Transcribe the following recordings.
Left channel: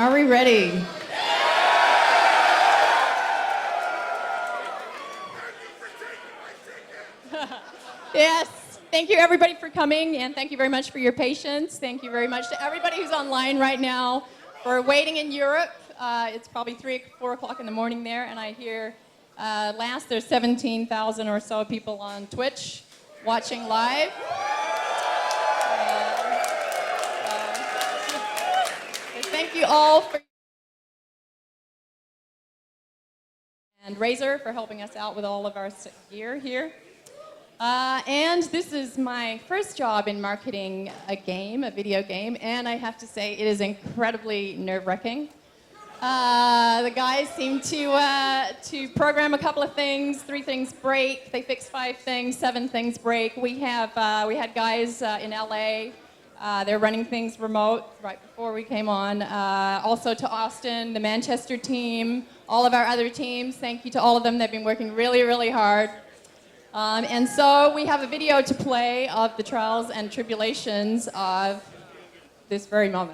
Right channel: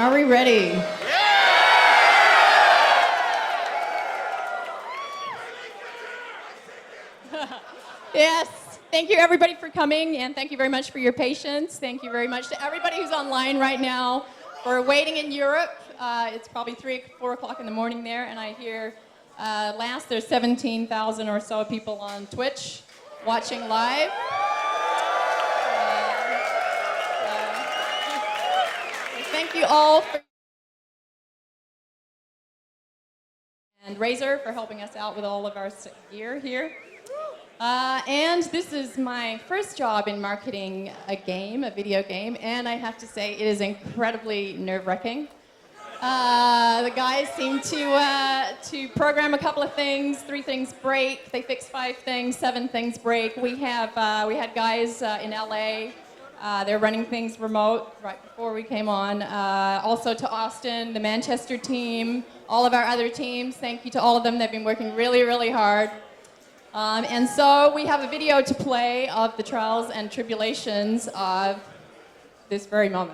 Are we ready? Thank you everybody for coming, and thank you very much for your patience. Thank you very much for everything online right now. We're waiting in Europe. It's probably 3 or 4 o'clock in the morning there, and I hear last there's 17,000 or so people on Twitch watching live. Thank you all. And Razor for helping us out with all of our stuff here. And this was my first job in marketing a video game, and I have to say it is incredibly nerve-wracking. The guys came to program a couple of things, 3 things great, they fixed 5 things, 7 things great. We had guys in LA, they're running things remote before we came on. Also to Austin, the Manchester team, all of our other teams, thank you to all of them. They've been working really, really hard. And so we have a video to play of the trials and tribulations of this very moment.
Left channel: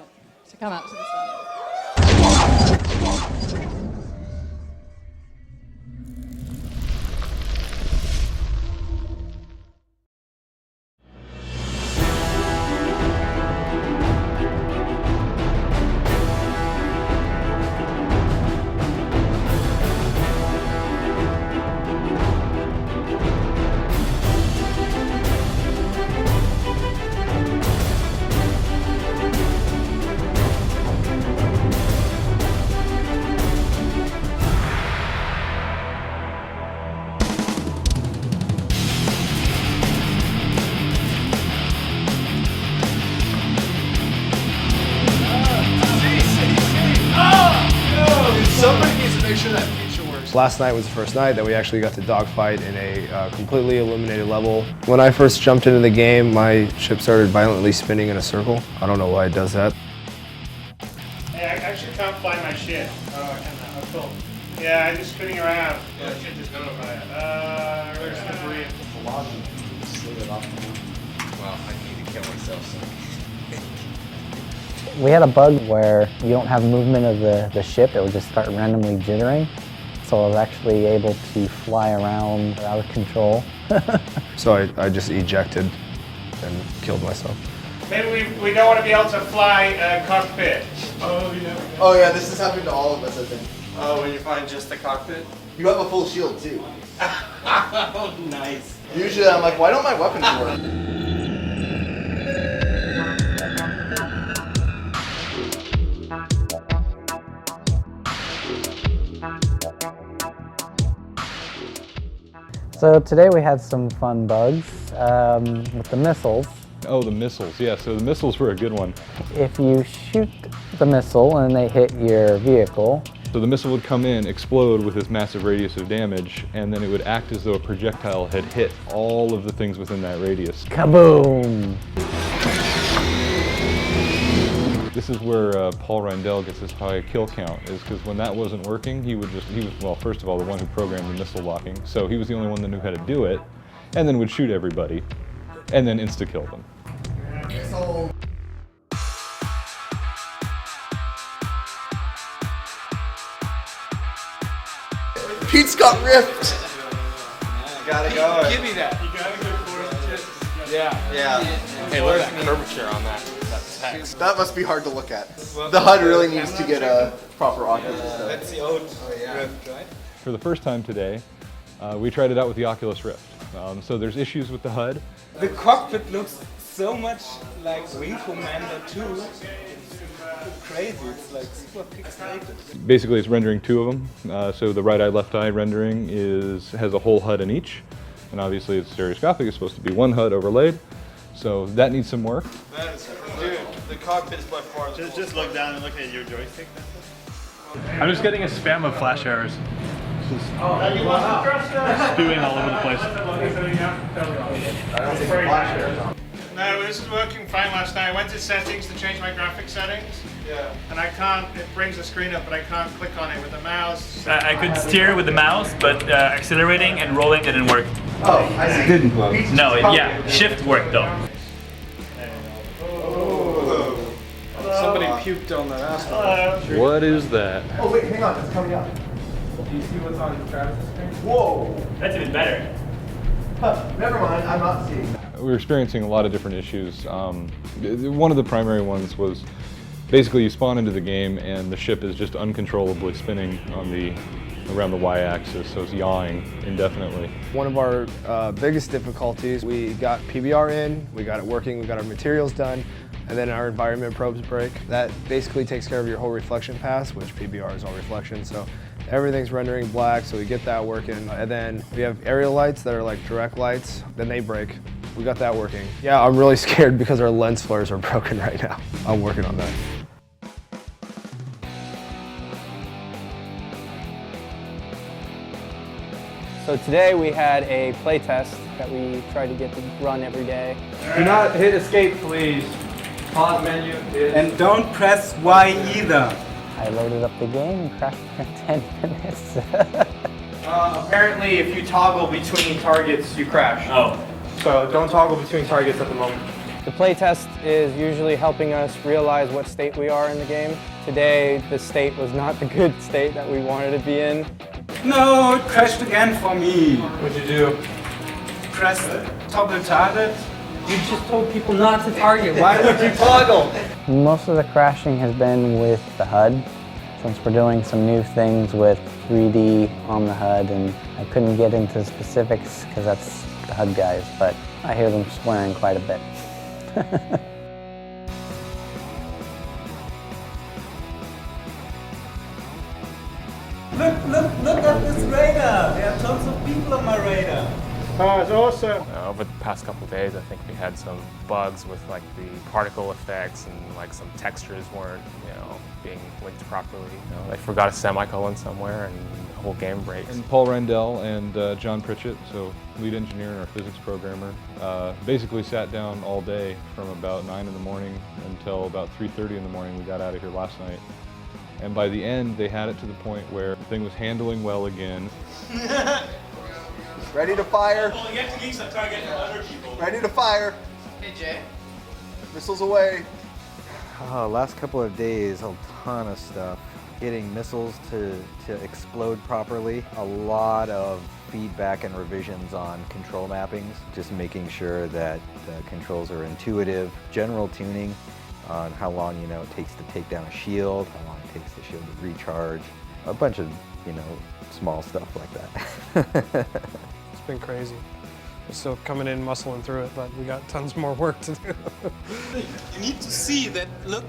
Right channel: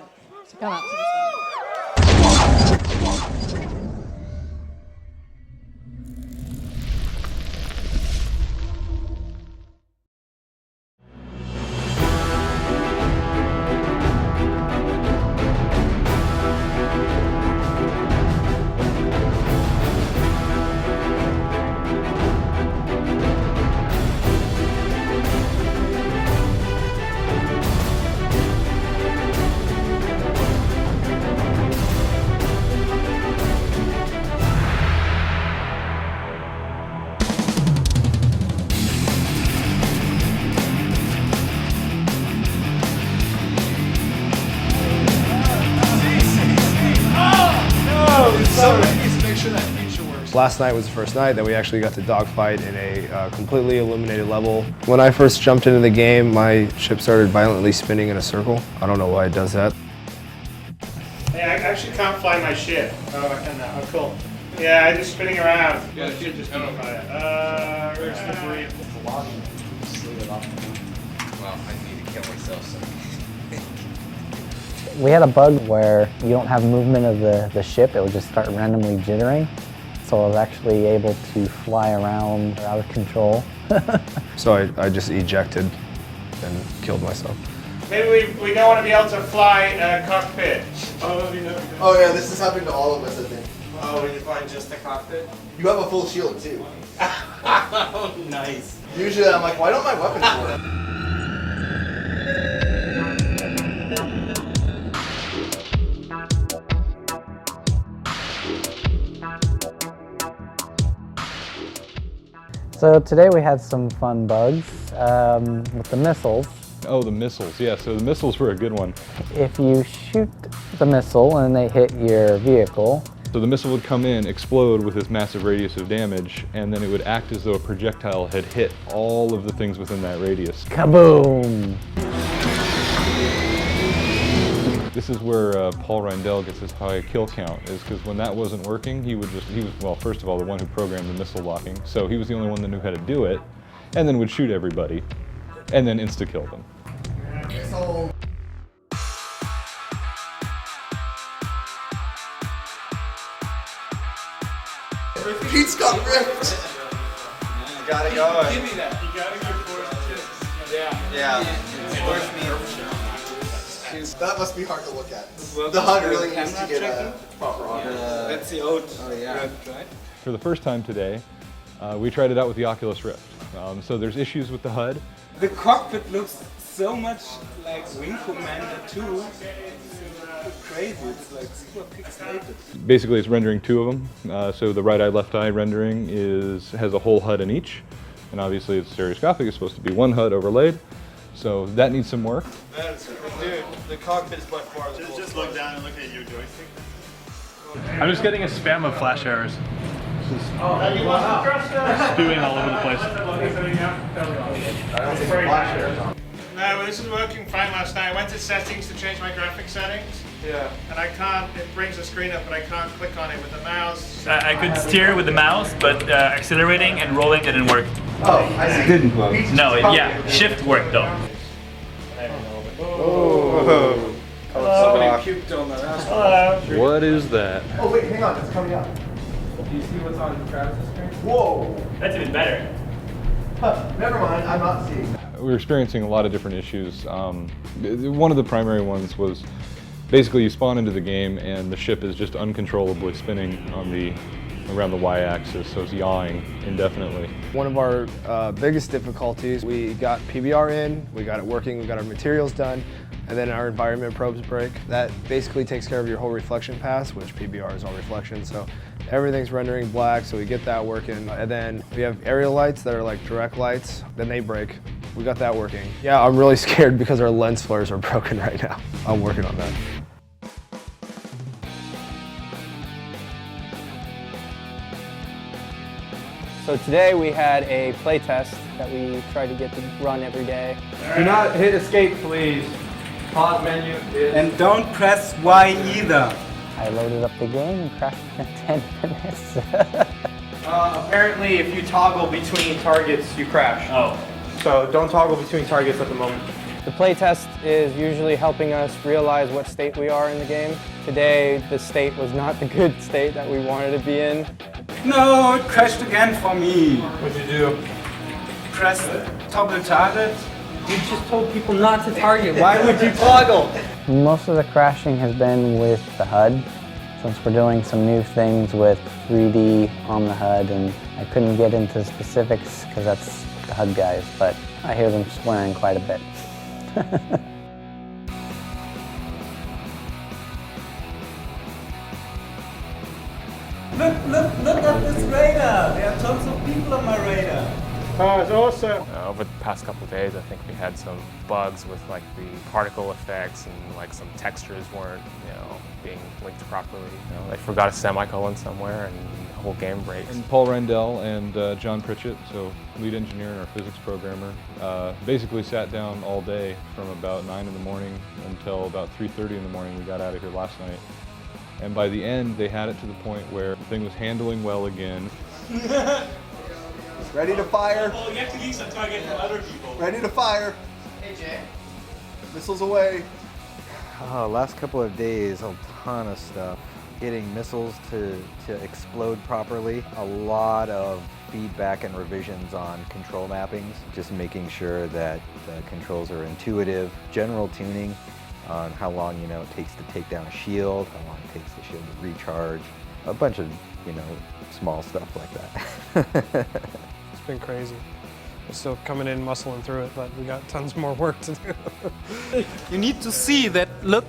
Last night was the first night that we actually got to dogfight in a completely illuminated level. When I first jumped into the game, my ship started violently spinning in a circle. I don't know why it does that. Hey, I actually can't fly my ship. Oh, I can now. Oh, cool. Yeah, I'm just spinning around. Yeah, the ship just going by it. Where's the breathe? Well, I need to kill myself, so. We had a bug where you don't have movement of the ship, it would just start randomly jittering. So I was actually able to fly around out of control. So I just ejected and killed myself. Maybe we don't want to be able to fly a cockpit. Oh yeah, this has happened to all of us, I think. Oh, when you find just the cockpit? You have a full shield too. Oh, nice. Usually I'm like, why don't my weapons work? So today we had some fun bugs with the missiles. Oh, the missiles, yeah, so the missiles were a good one. If you shoot the missile and they hit your vehicle, so the missile would come in, explode with this massive radius of damage, and then it would act as though a projectile had hit all of the things within that radius. kaboom! This is where Paul Reindel gets his high kill count, is because when that wasn't working, he was, well, first of all, the one who programmed the missile locking, so he was the only one that knew how to do it, and then would shoot everybody, and then insta-kill them. Pete's got ripped! Gotta go. Give me that. You gotta go for it. Yeah. Curvature on that. That must be hard to look at. The HUD really needs to get a proper audio. Let's see. Oh yeah. For the first time today, we tried it out with the Oculus Rift. So there's issues with the HUD. The cockpit looks so much like Wing Commander 2. It's crazy, it's like super pixelated. Basically it's rendering 2 of them. So the right eye, left eye rendering has a whole HUD in each. And obviously it's stereoscopic, it's supposed to be one HUD overlaid. So that needs some work. Dude, the cockpit is by far the coolest. Just look down and look at your joystick. I'm just getting a spam of flash errors. Just spewing all over the place. I don't think flash errors. No, this is working fine last night. I went to settings to change my graphic settings. Yeah. And I can't, it brings the screen up, but I can't click on it with the mouse. I could steer with the mouse, but accelerating and rolling didn't work. Oh, I see. Didn't work. No, shift worked though. Hello. Somebody puked on the last Hello. What is that? Oh wait, hang on, it's coming up. one. Do you see what's on Travis's screen? Whoa! That's even better. Huh, never mind, I'm not seeing. We were experiencing a lot of different issues. One of the primary ones was basically you spawn into the game and the ship is just uncontrollably spinning around the y-axis, so it's yawing indefinitely. One of our biggest difficulties, we got PBR in, we got it working, we got our materials done, and then our environment probes break. That basically takes care of your whole reflection pass, which PBR is all reflection, so everything's rendering black, so we get that working. And then we have aerial lights that are like direct lights, then they break. We got that working. Yeah, I'm really scared because our lens flares are broken right now. I'm working on that. So today we had a play test that we try to get to run every day. Do not hit escape, please. Pause menu. And don't press Y either. I loaded up the game and crashed in 10 minutes. Apparently, if you toggle between targets, you crash. Oh. So don't toggle between targets at the moment. The play test is usually helping us realize what state we are in the game. Today, the state was not the good state that we wanted to be in. No, it crashed again for me. What'd you do? Press toggle target. You just told people not to target. Why would you toggle? Most of the crashing has been with the HUD, since we're doing some new things with 3D on the HUD, and I couldn't get into specifics because that's the HUD guys, but I hear them swearing quite a bit. Look at this radar. There are tons of people on my radar. Oh, it's awesome. Over the past couple of days, I think we had some bugs with like the particle effects and like some textures weren't, being linked properly. They forgot a semicolon somewhere and the whole game breaks. And Paul Randell and John Pritchett, so lead engineer and our physics programmer, basically sat down all day from about 9 in the morning until about 3:30 in the morning. We got out of here last night. And by the end, they had it to the point where the thing was handling well again. Ready to fire. Well, you have to keep some target for other people. Ready to fire. Hey, Jay. Missiles away. Last couple of days, a ton of stuff. Getting missiles to explode properly. A lot of feedback and revisions on control mappings. Just making sure that the controls are intuitive. General tuning on how long, it takes to take down a shield, how long it takes the shield to recharge. A bunch of, small stuff like that. It's been crazy. We're still coming in, muscling through it, but we got tons more work to do. You need to see that, look,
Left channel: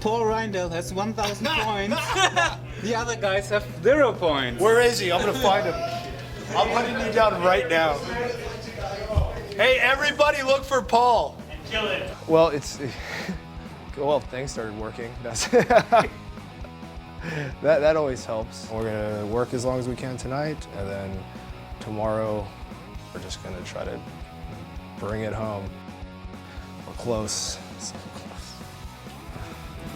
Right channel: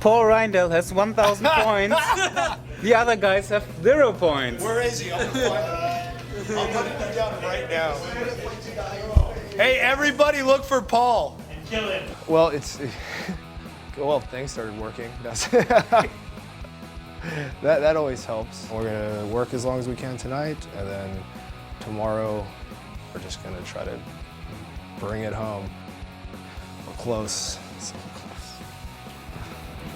Paul Reindel has 1,000 points. The other guys have 0 points. Where is he? I'm gonna find him. I'm hunting him down right now. Hey, everybody look for Paul. Kill it. Well, well, things started working. That always helps. We're gonna work as long as we can tonight, and then tomorrow we're just gonna try to bring it home. We're close. So close.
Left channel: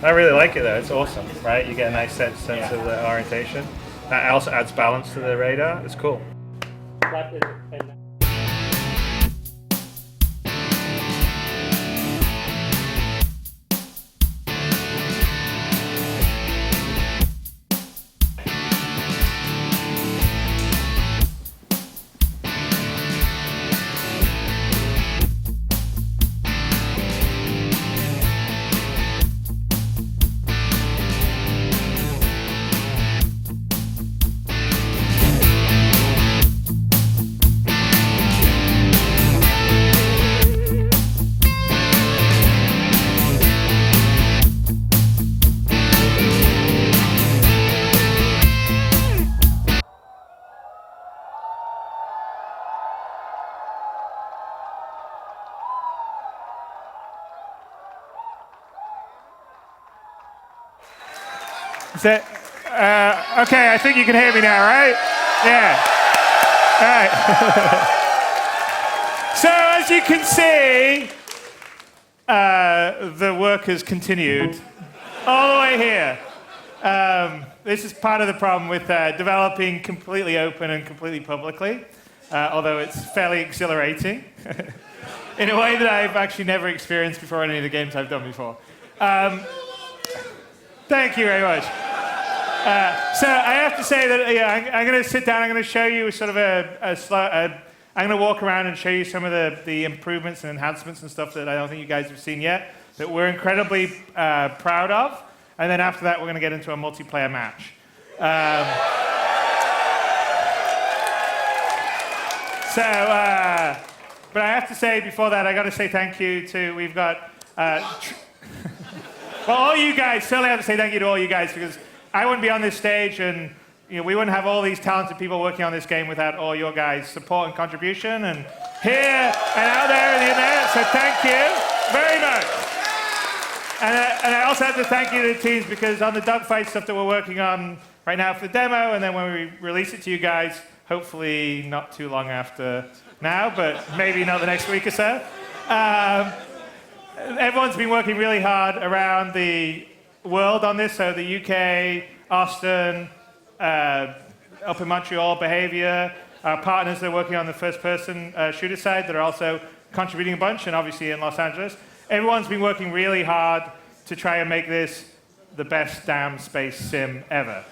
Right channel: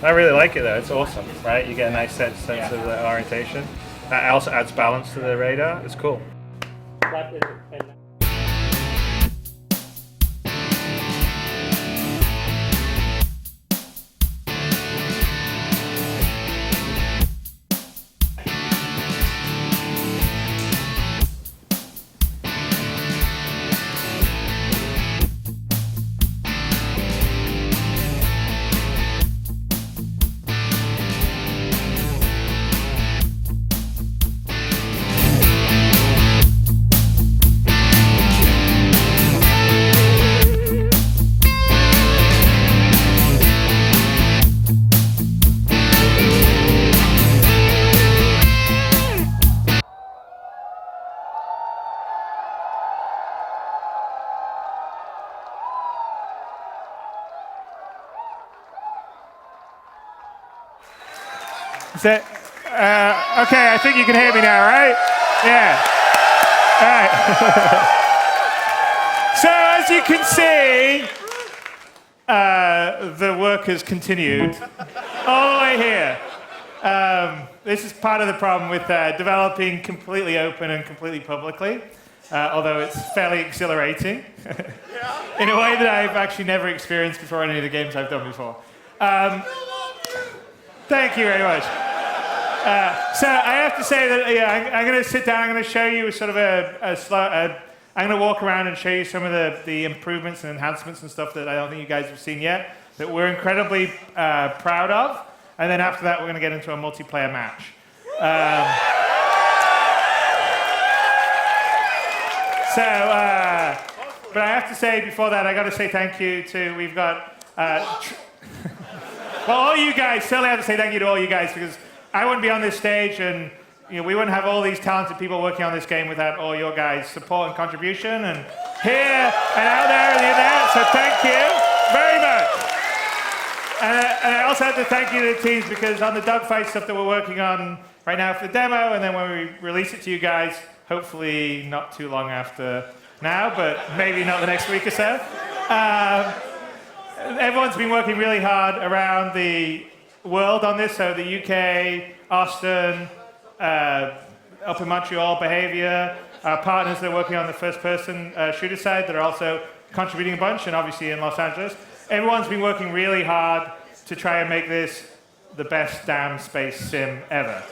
I really like it though. It's awesome, right? You get a nice sense of the orientation. That also adds balance to the radar. It's cool. Okay, I think you can hear me now, right? Yeah. All right. So as you can see, the work has continued all the way here. This is part of the problem with developing completely open and completely publicly, although it's fairly exhilarating in a way that I've actually never experienced before in any of the games I've done before. Thank you very much. So I have to say that I'm going to sit down. I'm going to show you sort of I'm going to walk around and show you some of the improvements and enhancements and stuff that I don't think you guys have seen yet, that we're incredibly proud of. And then after that, we're going to get into a multiplayer match. But I have to say before that, I got to say thank you to, we've got, well, all you guys, certainly I have to say thank you to all you guys, because I wouldn't be on this stage and we wouldn't have all these talented people working on this game without all your guys' support and contribution, and here and out there and in there, so thank you very much. And I also have to thank you to the teams, because on the dogfight stuff that we're working on right now for the demo, and then when we release it to you guys, hopefully not too long after now, but maybe not the next week or so. Everyone's been working really hard around the world on this, so the UK, Austin, up in Montreal, Behavior, our partners that are working on the first-person shooter side that are also contributing a bunch, and obviously in Los Angeles. Everyone's been working really hard to try and make this the best damn space sim ever.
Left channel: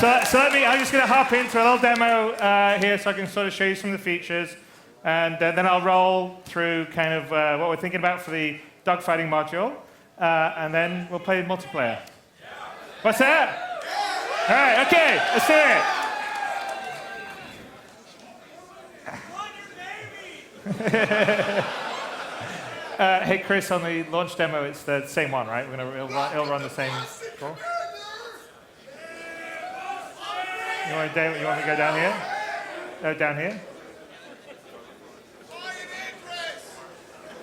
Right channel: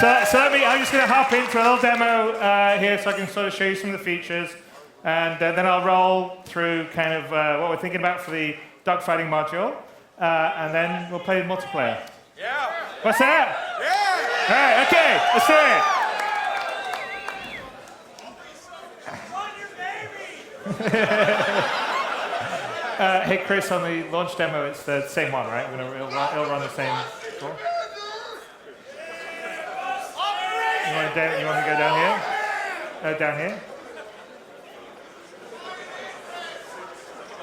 So I'm just going to hop into a little demo here so I can sort of show you some of the features. And then I'll roll through kind of what we're thinking about for the dogfighting module. And then we'll play multiplayer. Yeah. What's that? Yeah. All right, okay, let's do it. Hey, Chris, on the launch demo, it's the same one, right? It'll run the same. Cool. You want me to go down here? Down here?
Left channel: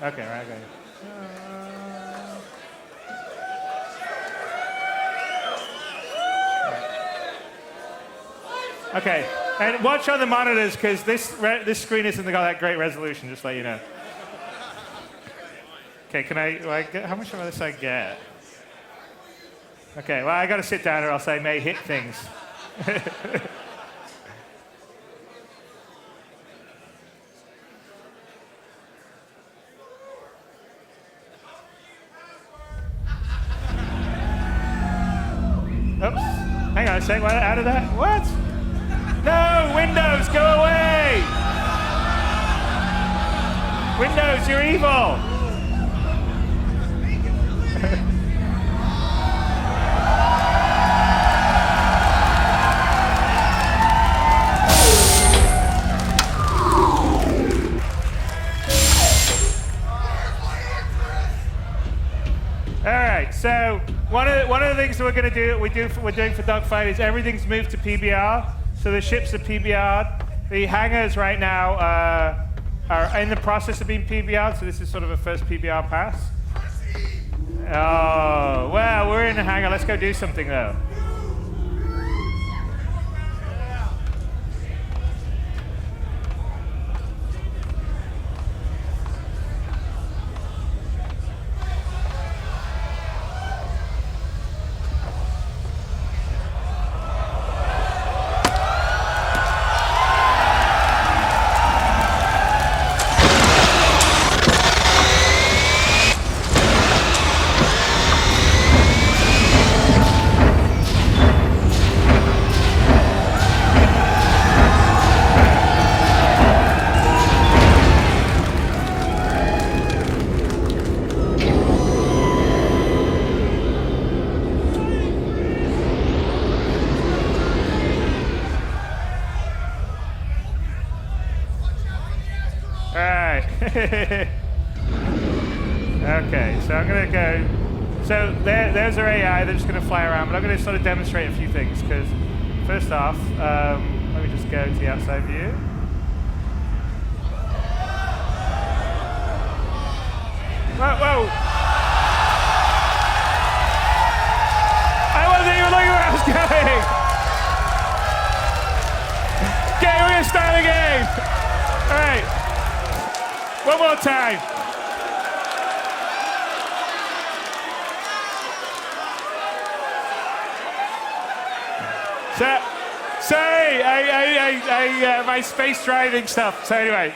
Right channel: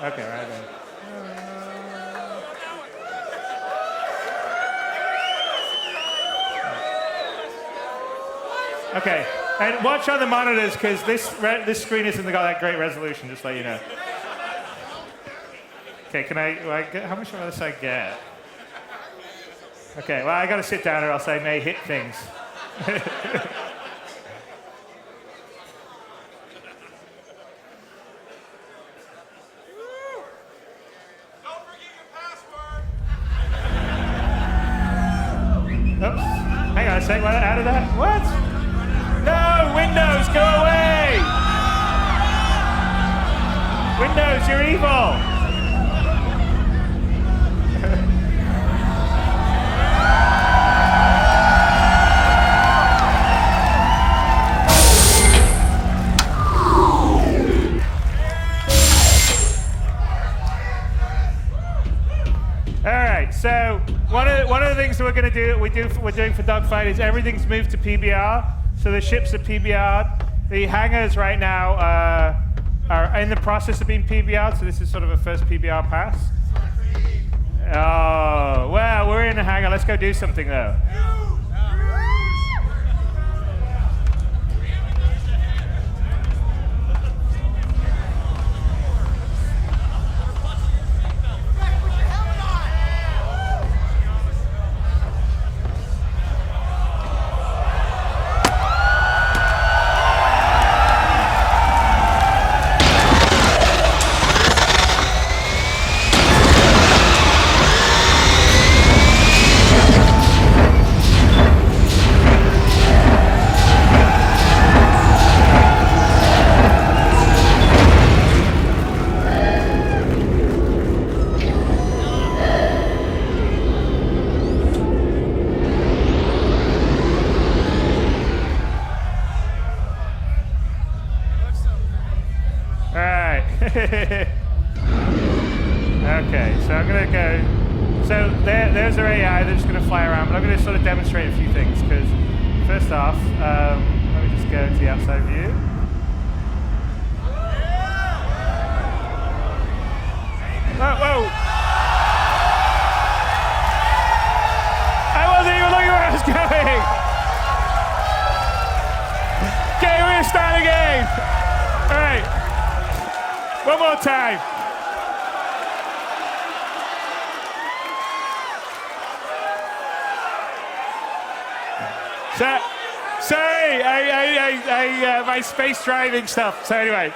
Okay, right, okay. Okay, and watch on the monitors, because this screen isn't got that great resolution, just to let you know. Okay, how much of this I get? Okay, well, I got to sit down or else I may hit things. Oops. Hang on a sec. What? Out of that? What? No! Windows, go away! Windows, you're evil! All right, so one of the things that we're going to do, we're doing for Dogfight is everything's moved to PBR. So the ships are PBR'd. The hangars right now are in the process of being PBR'd. So this is sort of a first PBR pass. Oh, well, we're in a hangar. Let's go do something though. All right. Okay, so I'm going to go. So there's our AI. They're just going to fly around, but I'm going to sort of demonstrate a few things, because first off, let me just go to the outside view. Whoa. I wasn't even looking where I was going. Okay, we're going to start again. All right. One more time. Sorry, my space driving stuff. So anyway.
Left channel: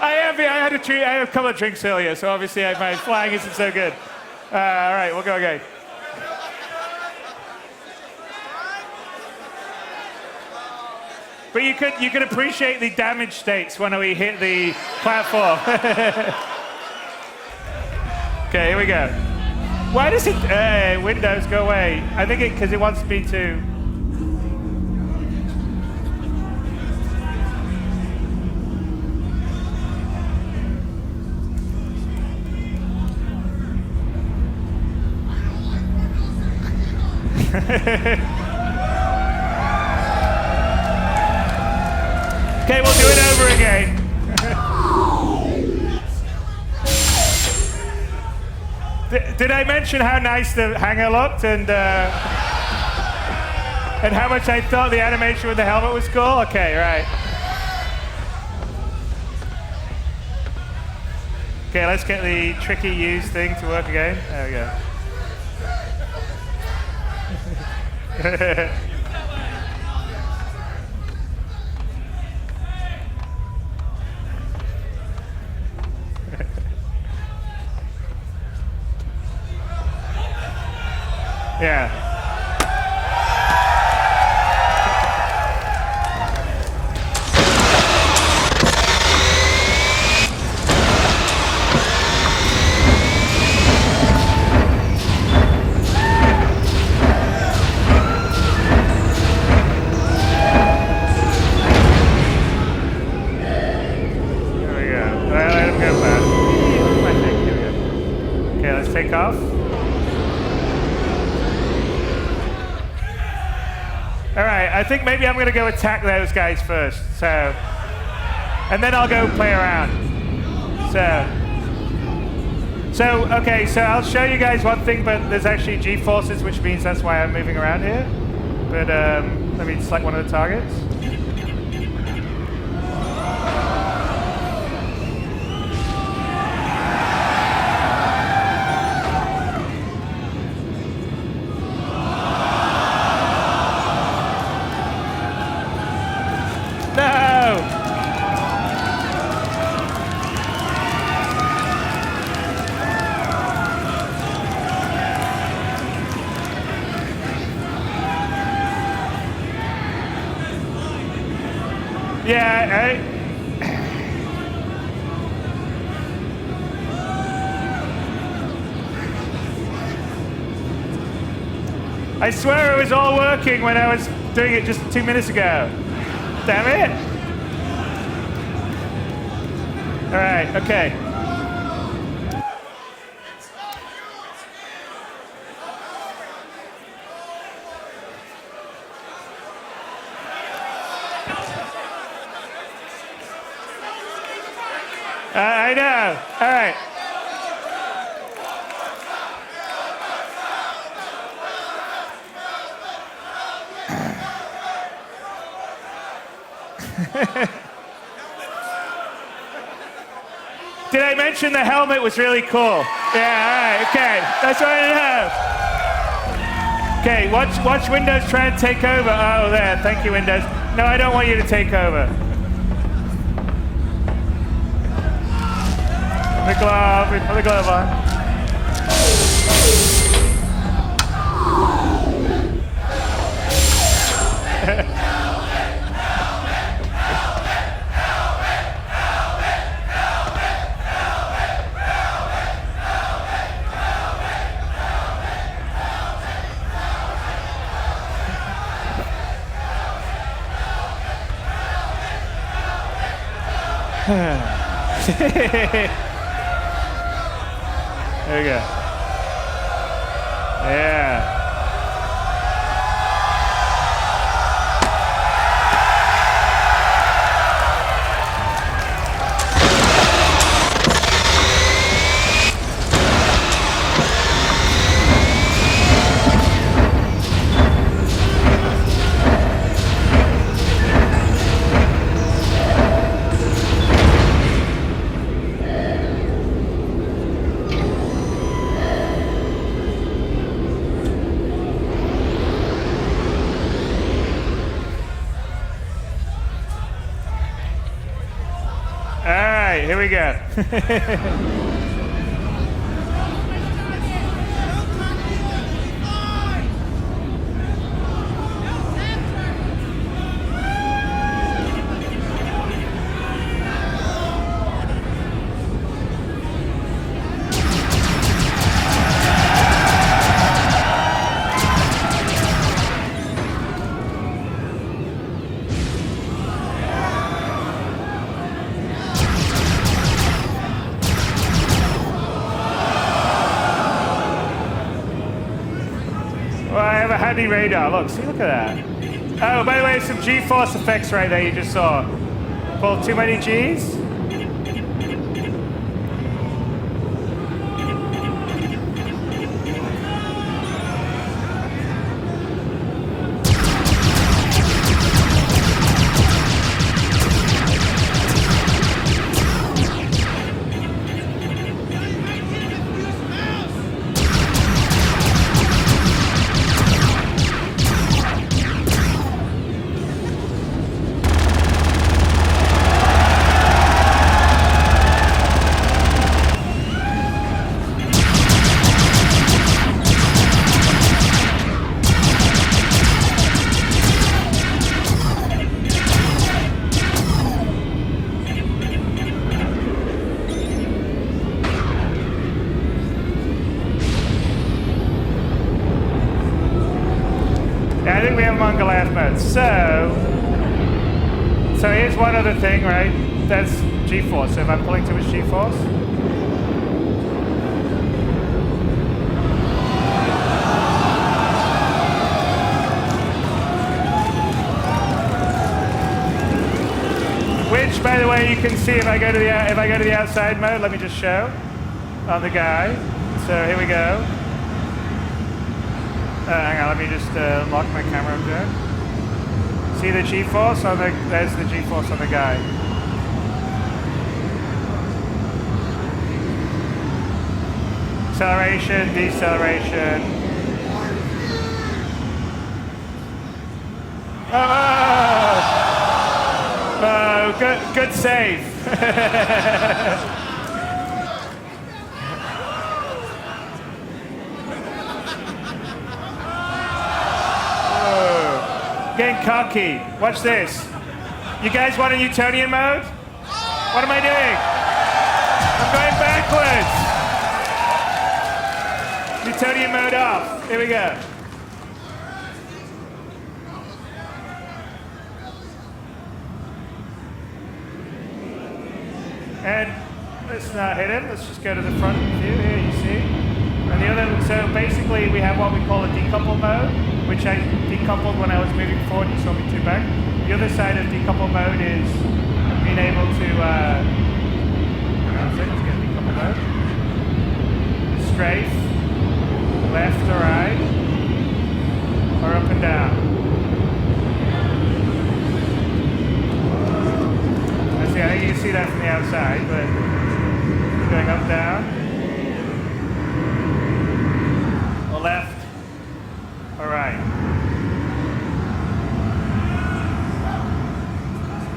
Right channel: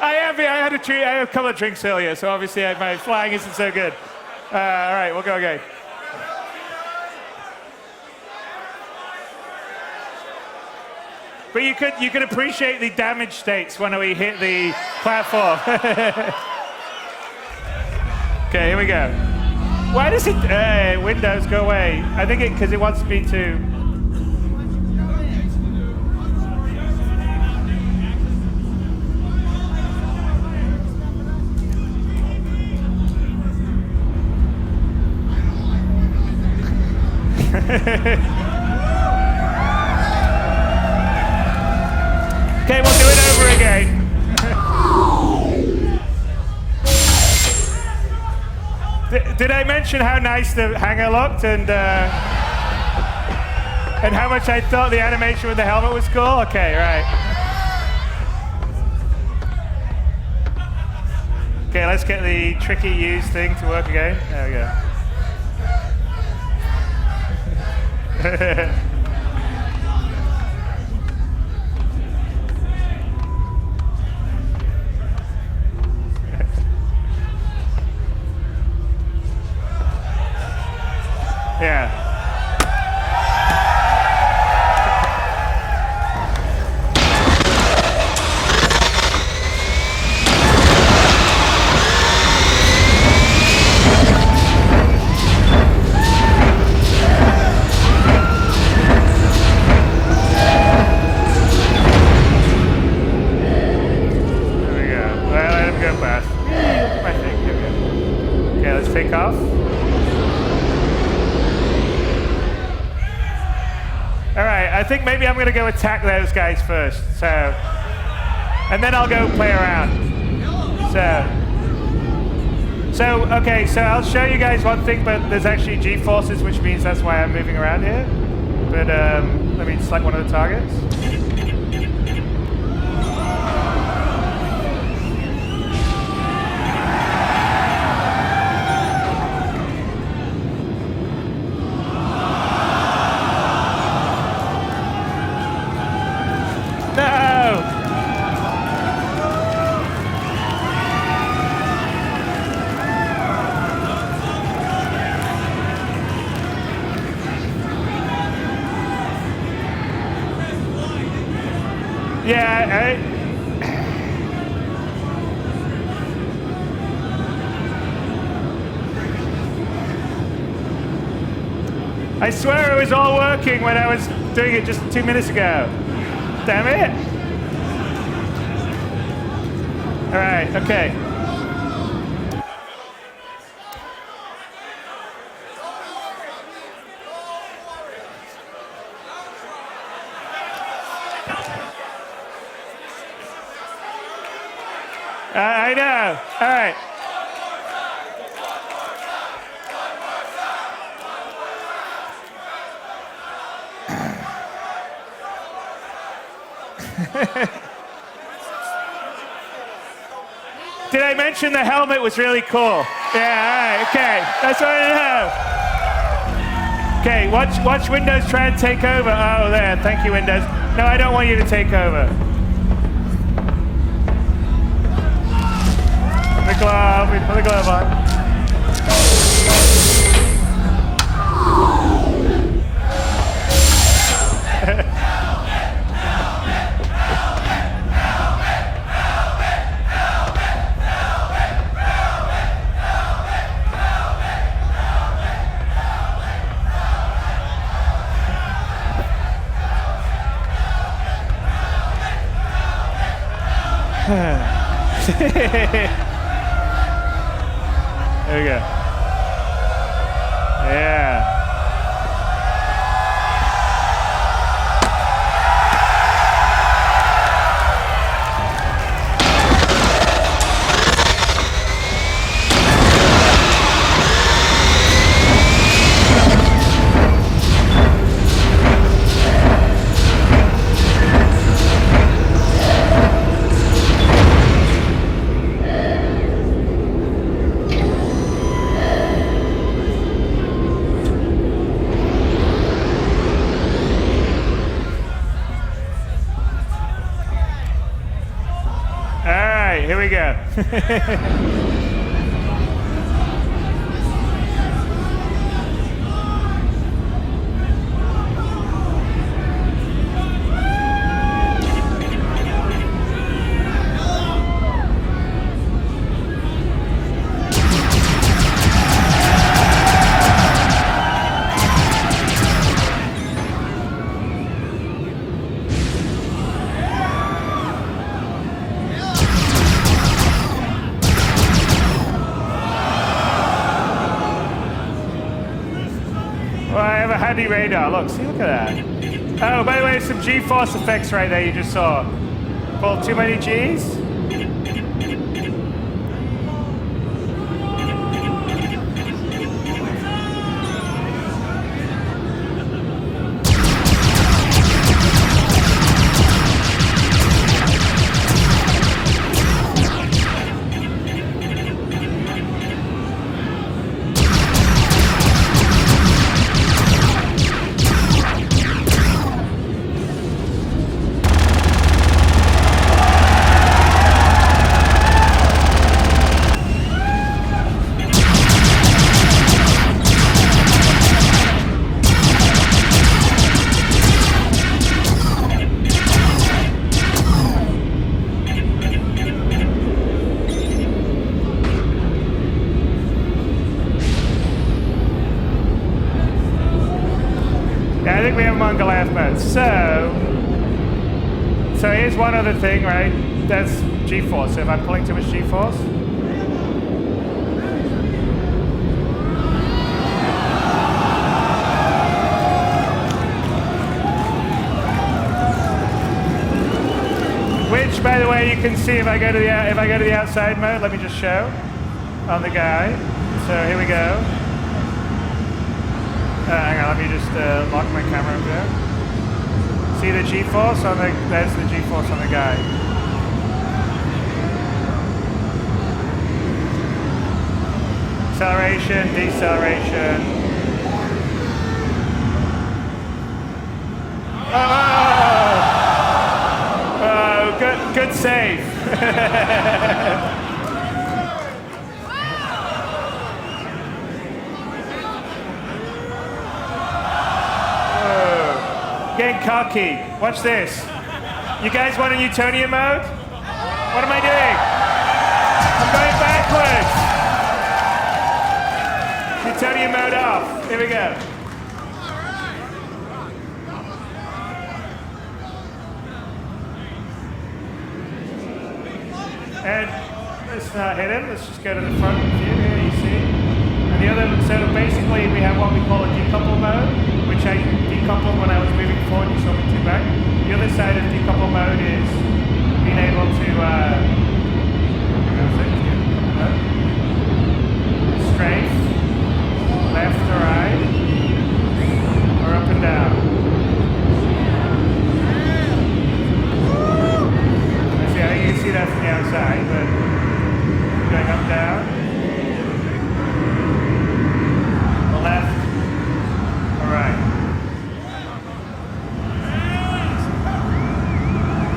I had a couple of drinks earlier, so obviously my flying isn't so good. All right, we'll go again. But you could appreciate the damage states when we hit the platform. Okay, here we go. Why does it? Windows, go away. I think because it wants me to. Okay, we'll do it over again. Did I mention how nice the hanger looked and how much I thought the animation with the helmet was cool? Okay, right. Okay, let's get the tricky use thing to work again. There we go. Yeah. There we go. Well, let him go past. Look at my thing. Here we go. Okay, let's take off. All right, I think maybe I'm going to go attack those guys first. So, and then I'll go play around. Okay, so I'll show you guys one thing, but there's actually G-forces, which means that's why I'm moving around here. But let me select one of the targets. No! Yeah, I swear it was all working when I was doing it just 2 minutes ago. Damn it. All right, okay. I know. All right. Did I mention the helmet was really cool? Yeah, all right, okay. That's what I know. Okay, watch Windows try and take over. Oh, there. Thank you, Windows. No, I don't want you to take over. The glove. We put the glove on. There we go. Yeah. All right, here we go. Well, I have a handy radar. Look, see, look at that. Oh, by the way, some G-force effects right there you just saw. Pulled too many Gs? Yeah, I think we have them on Goliath mode. So here's one other thing, right? That's G-force. So if I'm pulling too much G-force, which, by the way, you can see if I go to the outside mode. Let me just show on the guy. So here we go. Hang on, let me just lock my camera down. See the G-force on the, there's the G-force on the guy. Acceleration, deceleration. Oh, good save. Getting cocky. Watch this. You guys want a Newtonian mode? What am I doing? I'm going backwards. Newtonian mode off. Here we go. And let's not hit him. Let's just go to the front view here, you see. And the other, so basically we have what we call a decouple mode, which I decoupled when I was moving forward and you saw me two back. The other side of decouple mode is being able to, hang on a sec, let's get decouple mode. Is strafe, left or right, or up and down. I see, I think you can see that from the outside, but you're going up, down, or left, all right.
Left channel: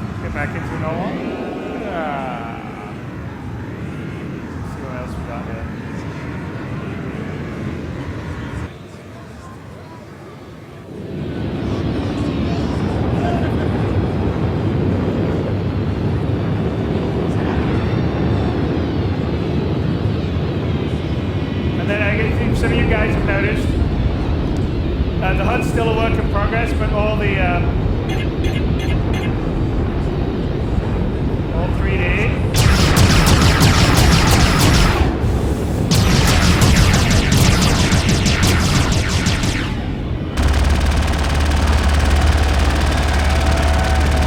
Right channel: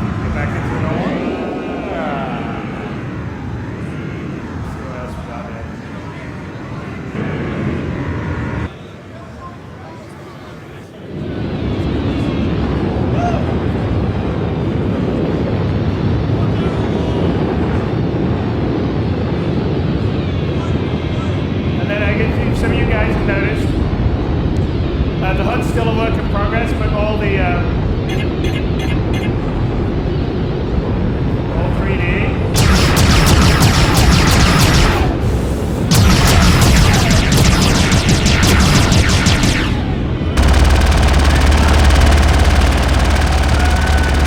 Let's get back into the normal one. Let's see what else we got here. And then I get some of you guys have noticed the HUD's still a work in progress, but all 3D.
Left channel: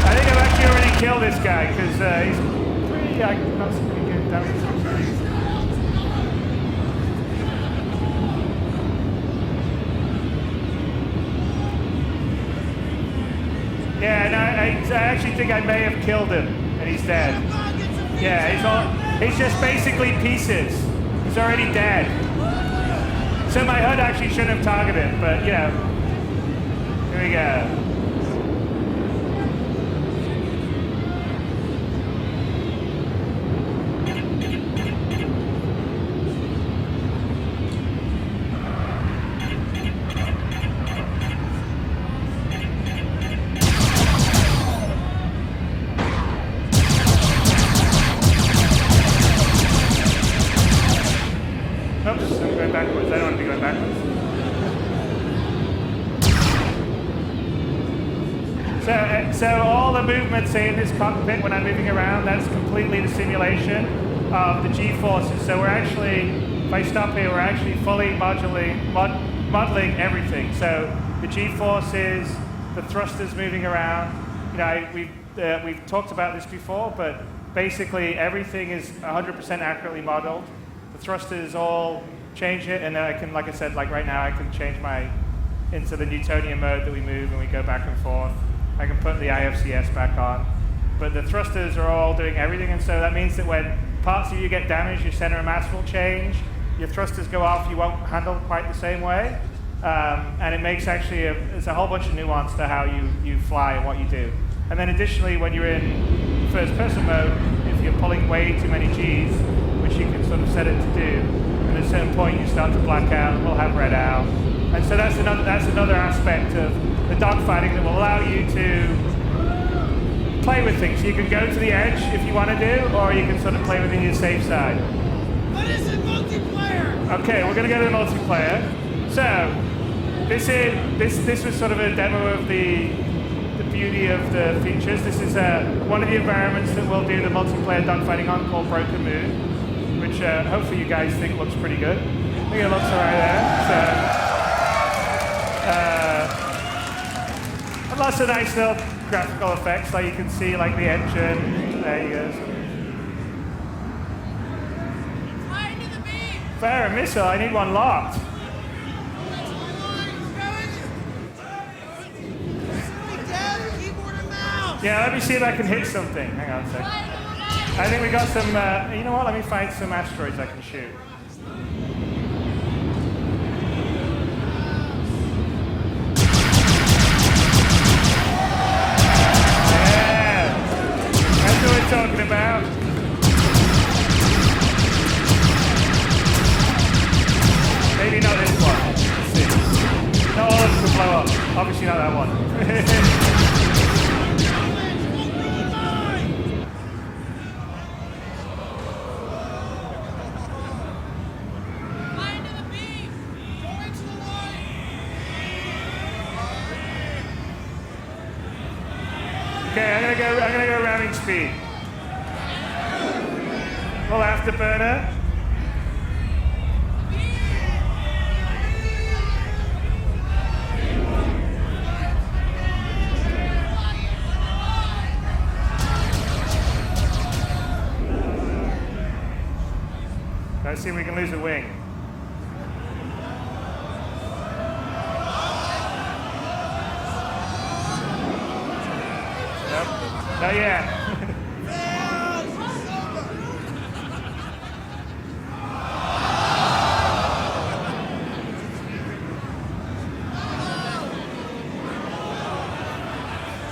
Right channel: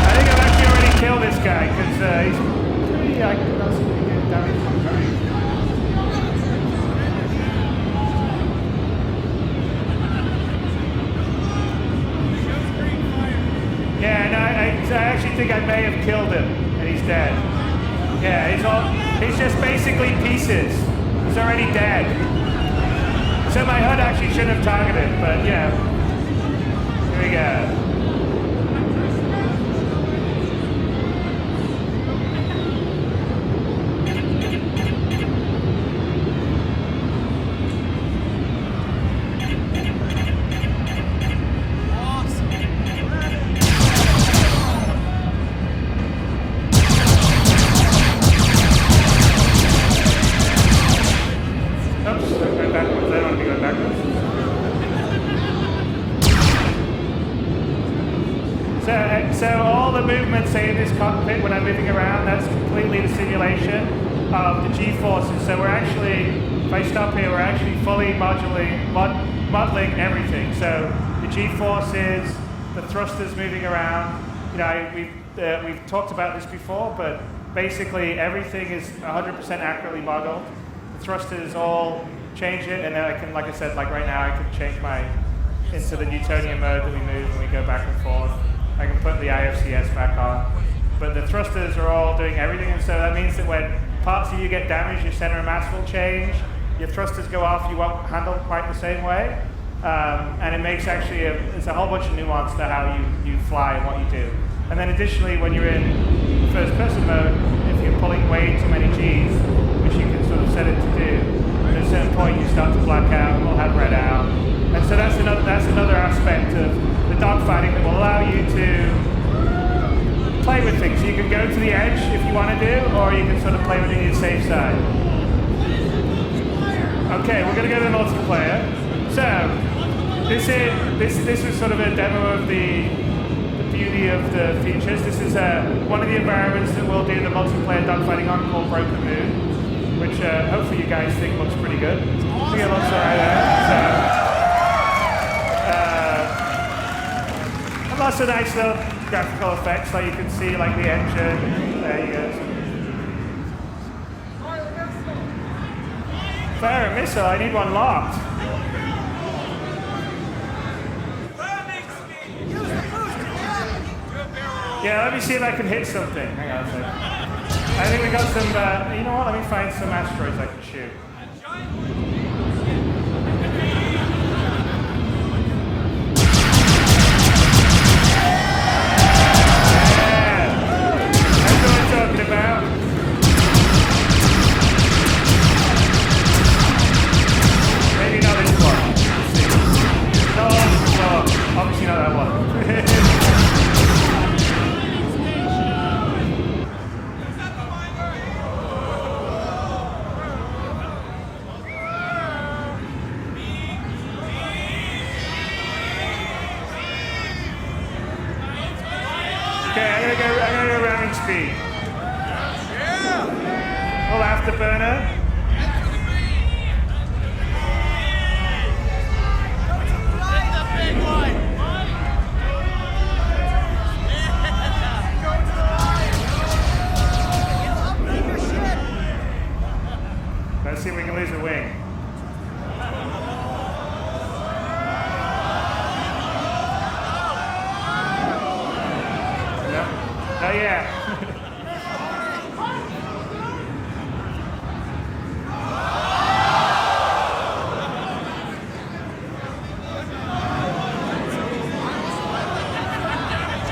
I think I've actually already killed this guy because he's pretty, I not seem to be getting damage. Yeah, no, I actually think I may have killed him, and he's dead. Yeah, he's just basically pieces. He's already dead. So my HUD actually shouldn't have targeted him, but you know, here we go. Oops, I'm going backwards. I don't want to be going backwards. So all the movement, say, in this cockpit when I'm moving around, that's completely the simulation of the G-forces. So we're actually, if I stop here, we're actually fully modeling everything. So the G-forces, the thrusters moving around. You know, we've talked about this before, but basically everything is 100% accurately modeled. The thrusters all change it, and then I can, like I said, like right now, I can change into the Newtonian mode that we move and we go back and forth. I can put the IFCS back on. But the thrusters are all doing everything, and so that means that when parts of you get damaged, your center of mass will change, your thrusters go off, you won't handle quite the same way. And it makes actually, there's a whole bunch of nuance to how you fly and what you do. And then additionally, when you're in the first person mode, if you're pulling way too many Gs, which you can sort of set it to do, and at a certain point you start to black out and we'll have red out. And so that's another aspect of the dogfighting that will allow you to play with things. You can go to the edge if you want to do, or you can sort of play within your safe side. What is the multiplayer? Okay, we're going to go to the multiplayer. So this was sort of a demo of the beauty of the features. This is one of the environments that we'll do the multiplayer dogfighting on, called Broken Moon, which hopefully you guys think looks pretty good. I think it looks all right there. So. And lots of nice little graphical effects, like you can see, like the engine. There you go, sort of. Fire a missile. I need one locked. Yeah, let me see if I can hit something. Hang on a sec. I think we got some. You know what? Let me find some asteroids I can shoot. That's what we're talking about. Maybe not this one. Let's see. Not all of them could blow up. Obviously not that one. Okay, I'm gonna go ramming speed. Little afterburner. Let's see if we can lose a wing. Nope, not yet.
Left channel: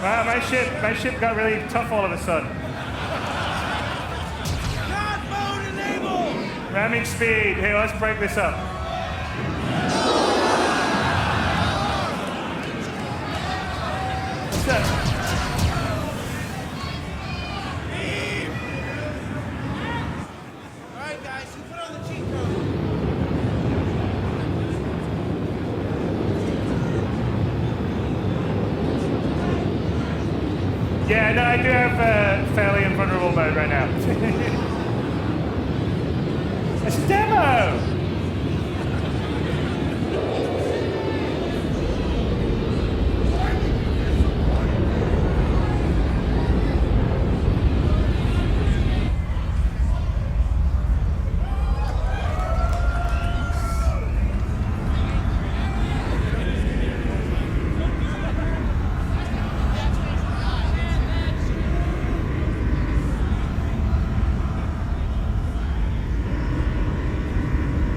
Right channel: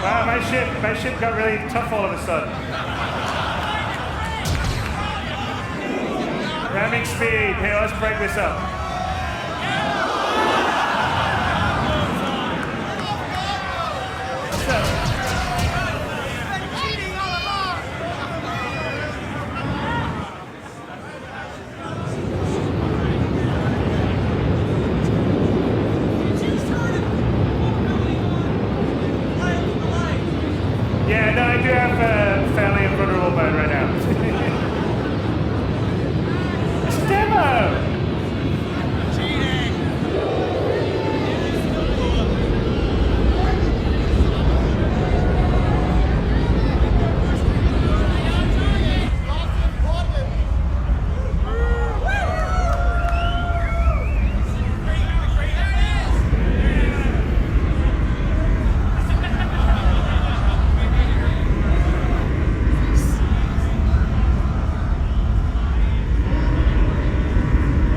Wow, my ship got really tough all of a sudden. Ramming speed. Here, let's break this up. What's up? Yeah, no, I do have fairly invulnerable mode right now. It's a demo!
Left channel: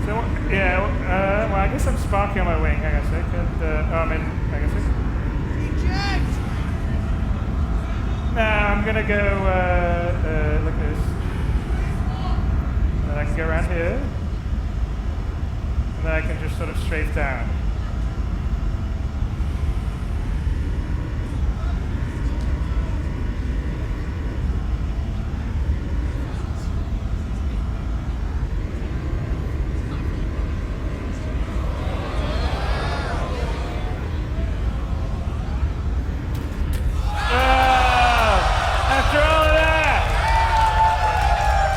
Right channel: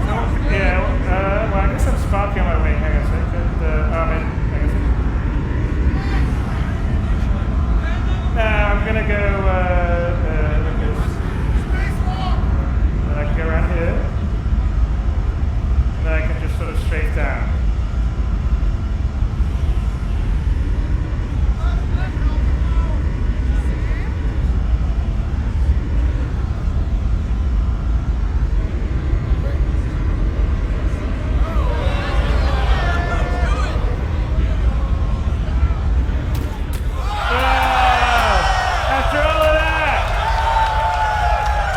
So, yeah, well, I guess I'm sparking on my wing. Hang on a second. I'm in. Hang on a second. No, I'm going to go, look at this. And then I can go around here. And then I can just sort of strafe down.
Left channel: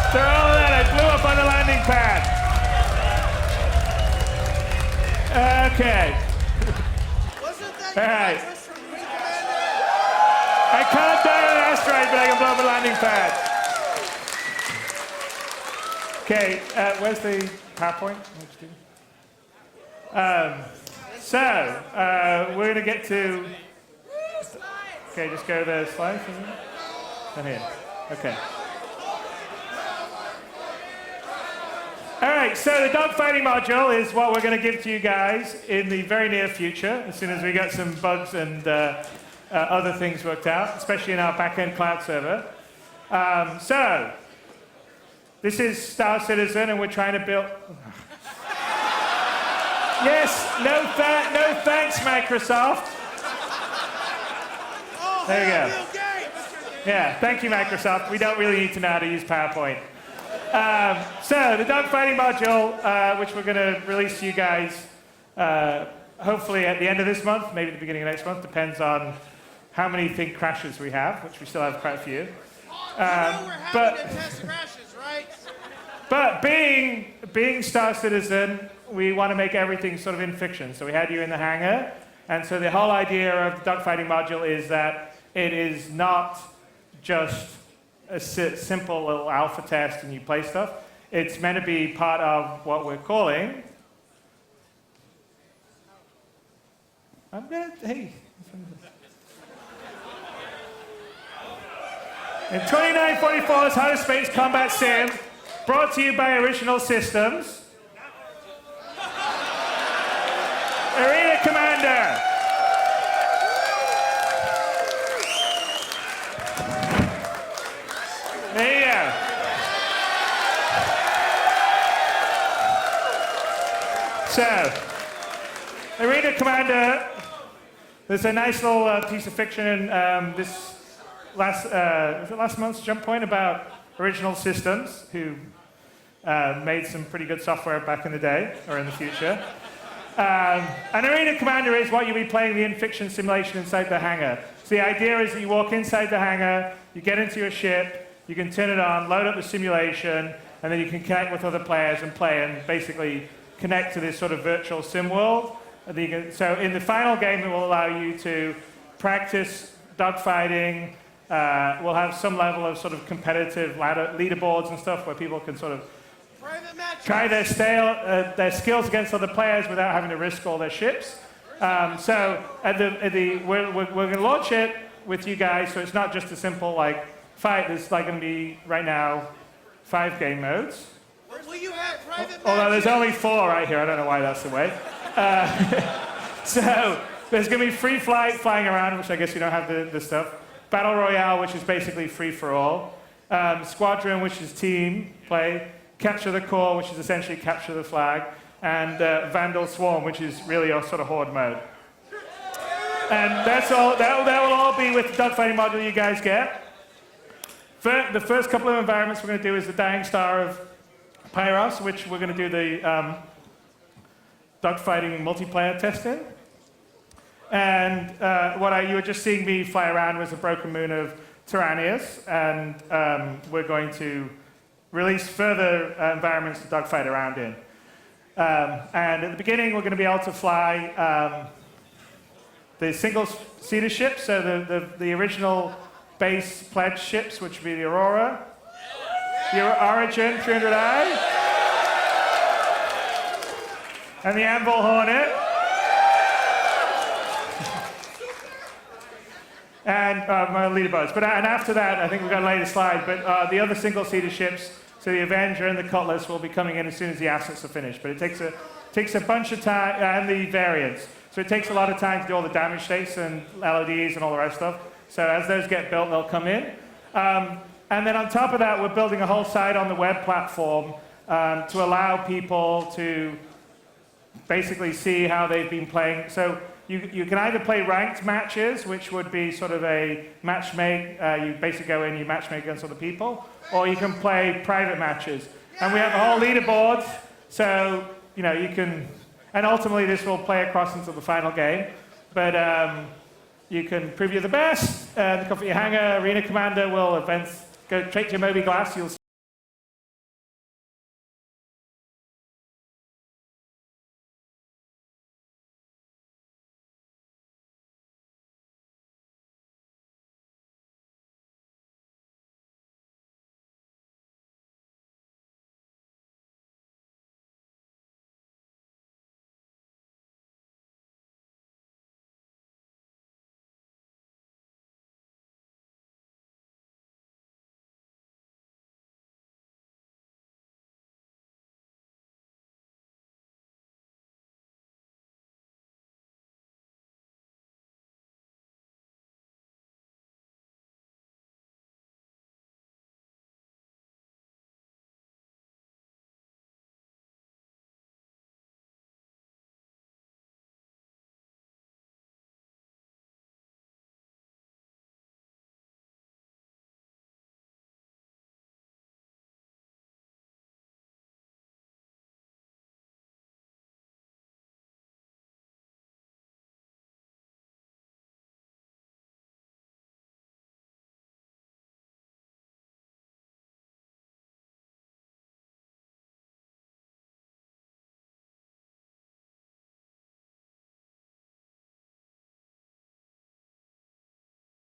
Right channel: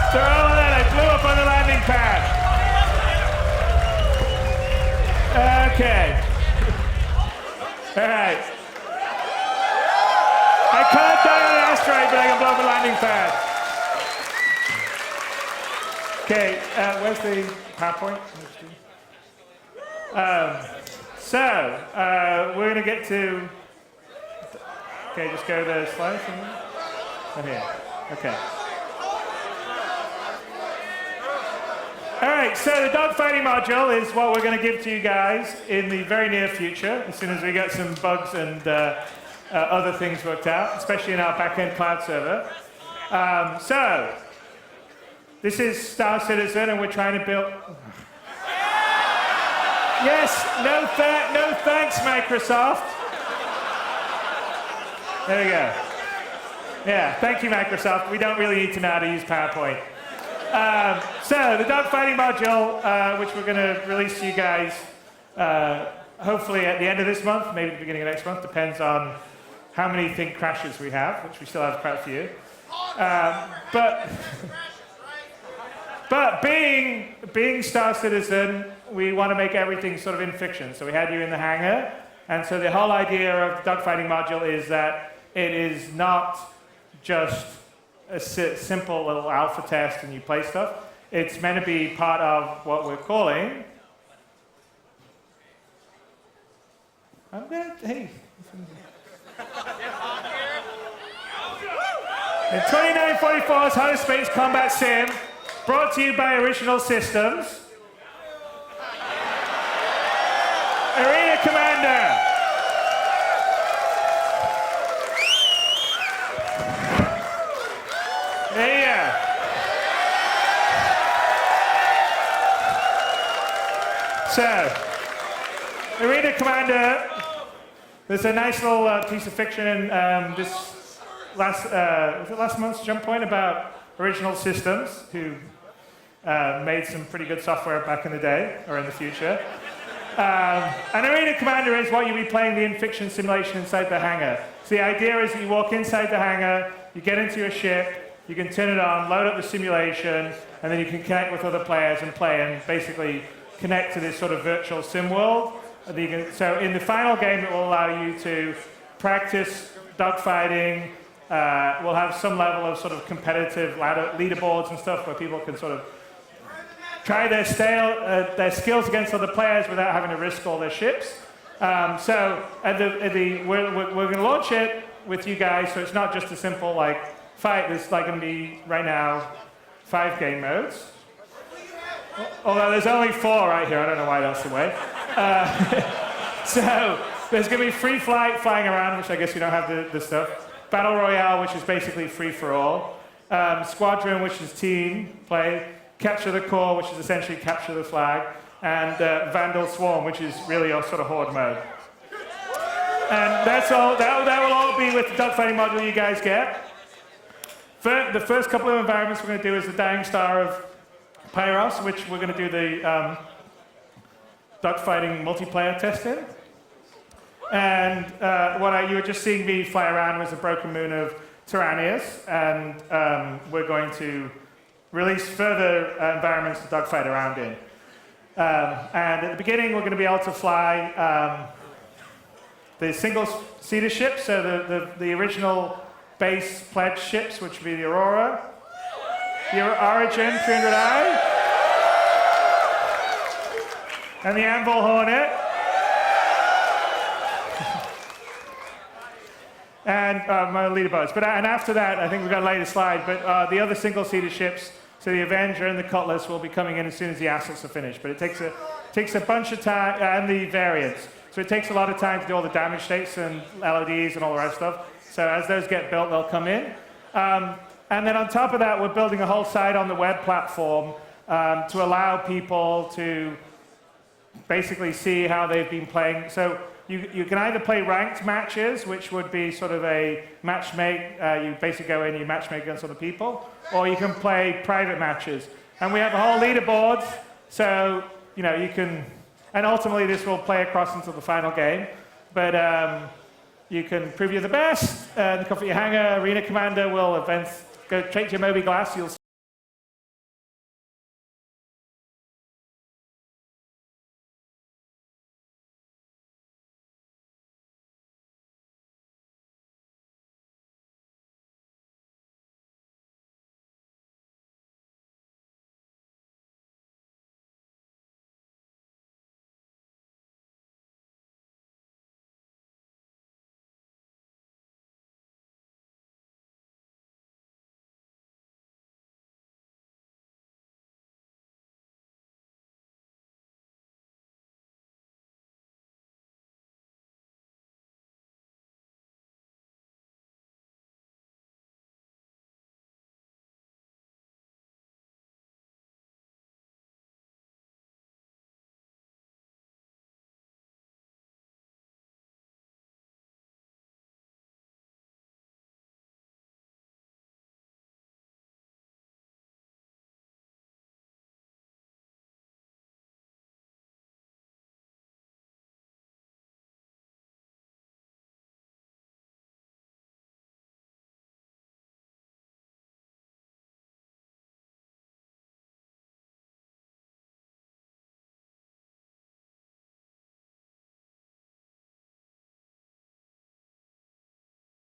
After all of that, I blew up on the landing pad. Okay. All right. I can't die on an asteroid, but I can blow up a landing pad. Okay, where's the PowerPoint? We're going to get to... Okay, just go to the slides. And here. Okay. All right, so the dogfighting module is what we're going to give to you guys in the very near future, as soon as we get some bugs and other things worked out, especially in our back-end cloud server. This is Star Citizen, and we're trying to build... Yes, no thanks, Microsoft. There we go. Yeah, thank you, Microsoft. We don't really need to know how to use PowerPoint. The dogfighting module, which we're going to release to you guys hopefully at the end of this month, maybe the beginning of next month, depends on how many think crashes we have, which we still have quite a few. But being Star Citizen, we want to make everything sort of in fiction. So we had you in the hangar, and so the whole idea of the dogfighting module is that it is not just a simple little alpha test and you play stuff. It's meant to be part of what we're calling... Hey. In 2944's Hottest Space Combat Sim, brought to you by Original Systems. Arena Commander. There you go. So, Arena Commander, there's a nice little piece of fiction in this last month's Jump Point about Original Systems, who made some pretty good software back in the day, or in the future. And Arena Commander is what you'll be playing the in-fiction simulation inside the hangar. So the idea is that you walk inside the hangar, you get into your ship, you can turn it on, load up the simulation, and then you can connect with other players and play and basically connect to this sort of virtual sim world. So in the final game, it will allow you to practice dogfighting. We'll have some level of sort of competitive leaderboards and stuff where people can sort of try their skills against other players without having to risk all their ships. We're going to launch it with you guys, so it's not just a simple fight. There's going to be right now 5 game modes. Although there's only 4 right here, I don't know why that's the way. So there's going to be free flight, flying around, which I guess you don't have the stuff. Battle Royale, which is basically free for all. Squadron, which is team play. Capture the Core, which is essentially capture the flag. And Vandal Swarm, which is really a sort of horde mode. And that's all. That will all be with the dogfighting module you guys get. The first couple of environments we're going to do is the Dying Star of Pyros, which we're going to do the dogfighting multiplayer test in. And what you were just seeing me fly around was a broken moon of Tyrannius, and we're going to release further environments to dogfight around in. And at the beginning, we're going to be able to fly the single-seater ships, so the original base pledge ships, which would be the Aurora, the Origin 300i, and the Anvil Hornet. And my leaderboards. And after that, I think we've got a later slide, but the other single-seater ships, so the Avenger and the Cutlass, will be coming in as soon as the assets are finished. But it takes a bunch of time, and the variants. So it takes a lot of time to do all the damage states and LODs and all the rest of stuff. So as those get built, they'll come in. And then on top of that, we're building a whole site on the web platform to allow people to basically see how they've been playing. So you can either play ranked matches, which would be sort of a matchmake. You basically go in, you matchmake against other people, or you can play private matches. And we have a whole leaderboard, so you can. And ultimately, this will play across into the final game. But you can prove you're the best. The Comfort Your Hangar Arena Commander will go straight to your Moby Glass. You'll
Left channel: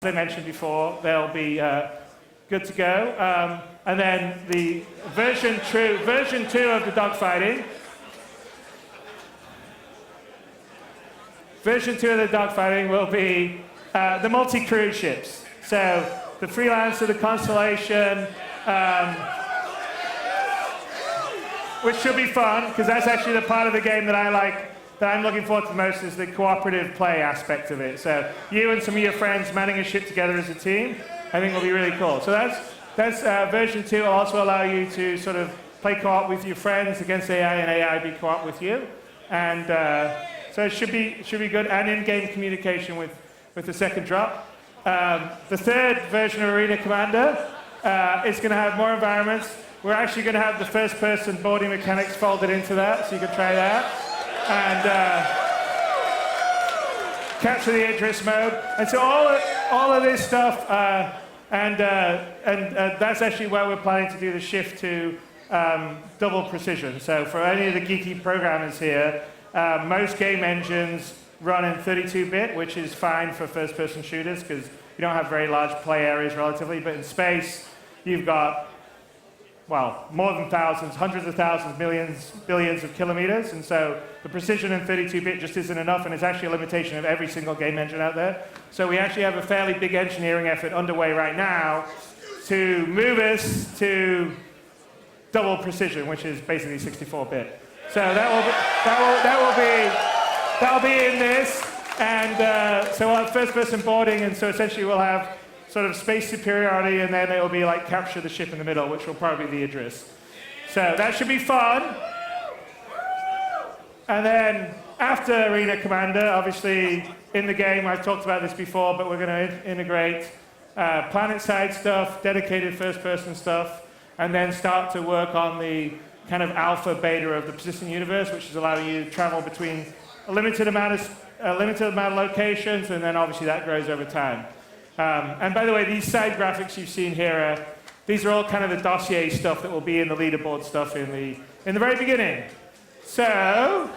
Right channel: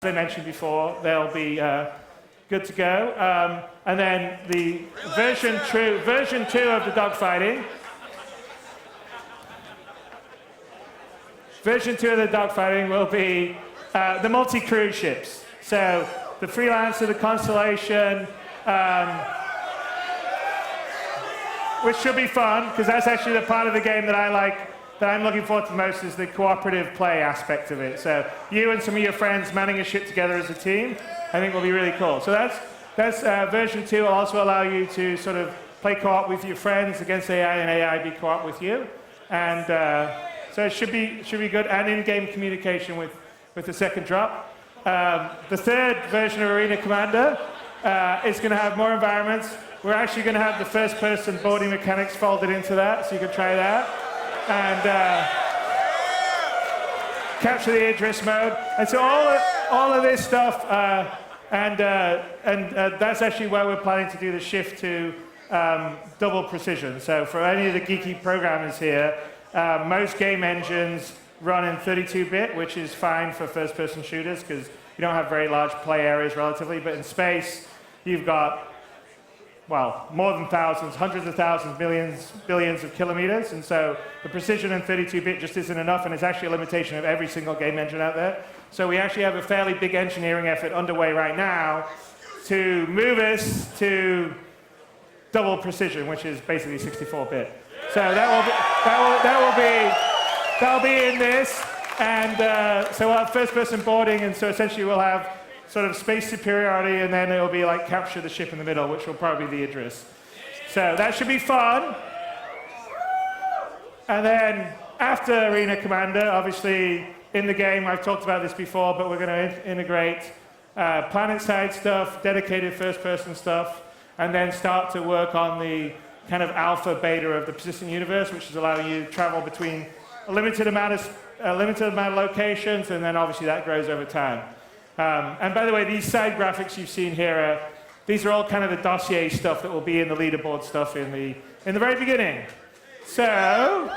As I mentioned before, they'll be good to go. And then the version 2 of the dogfighting. Version 2 of the dogfighting will be the multi-cruise ships. So the Freelancer, the Constellation, which should be fun, because that's actually the part of the game that I like, that I'm looking forward to the most, is the cooperative play aspect of it. So you and some of your friends manning a ship together as a team, I think will be really cool. So that's version 2 will also allow you to sort of play co-op with your friends against AI, and AI be co-op with you. And so it should be good, and in-game communication with the second drop. The third version of Arena Commander is going to have more environments. We're actually going to have the first-person boarding mechanics folded into that, so you can try that. And capture the Idris mode. And so all of this stuff, and that's actually where we're planning to do the shift to double precision. So for any of the geeky programmers here, most game engines run in 32-bit, which is fine for first-person shooters because you don't have very large play areas relatively. But in space, you've got, well, more than thousands, hundreds of thousands, millions, billions of kilometers. And so the precision in 32-bit just isn't enough, and it's actually a limitation of every single game engine out there. So we actually have a fairly big engineering effort underway right now to move us to double precision, which is basically 64-bit. So that'll be in this, and so we'll have first-person boarding, and so essentially we'll have sort of space superiority, and then it'll be like capture the ship in the middle, which will probably be the Idris. So that should be fun. And then after Arena Commander, obviously in the game, I've talked about this before, but we're going to integrate planet-side stuff, dedicated first-person stuff, and then start to work on the kind of alpha beta of the persistent universe, which is allowing you to travel between a limited amount of locations, and then obviously that grows over time. And by the way, these side graphics you've seen here, these are all kind of the dossier stuff that will be in the leaderboard stuff in the very beginning. So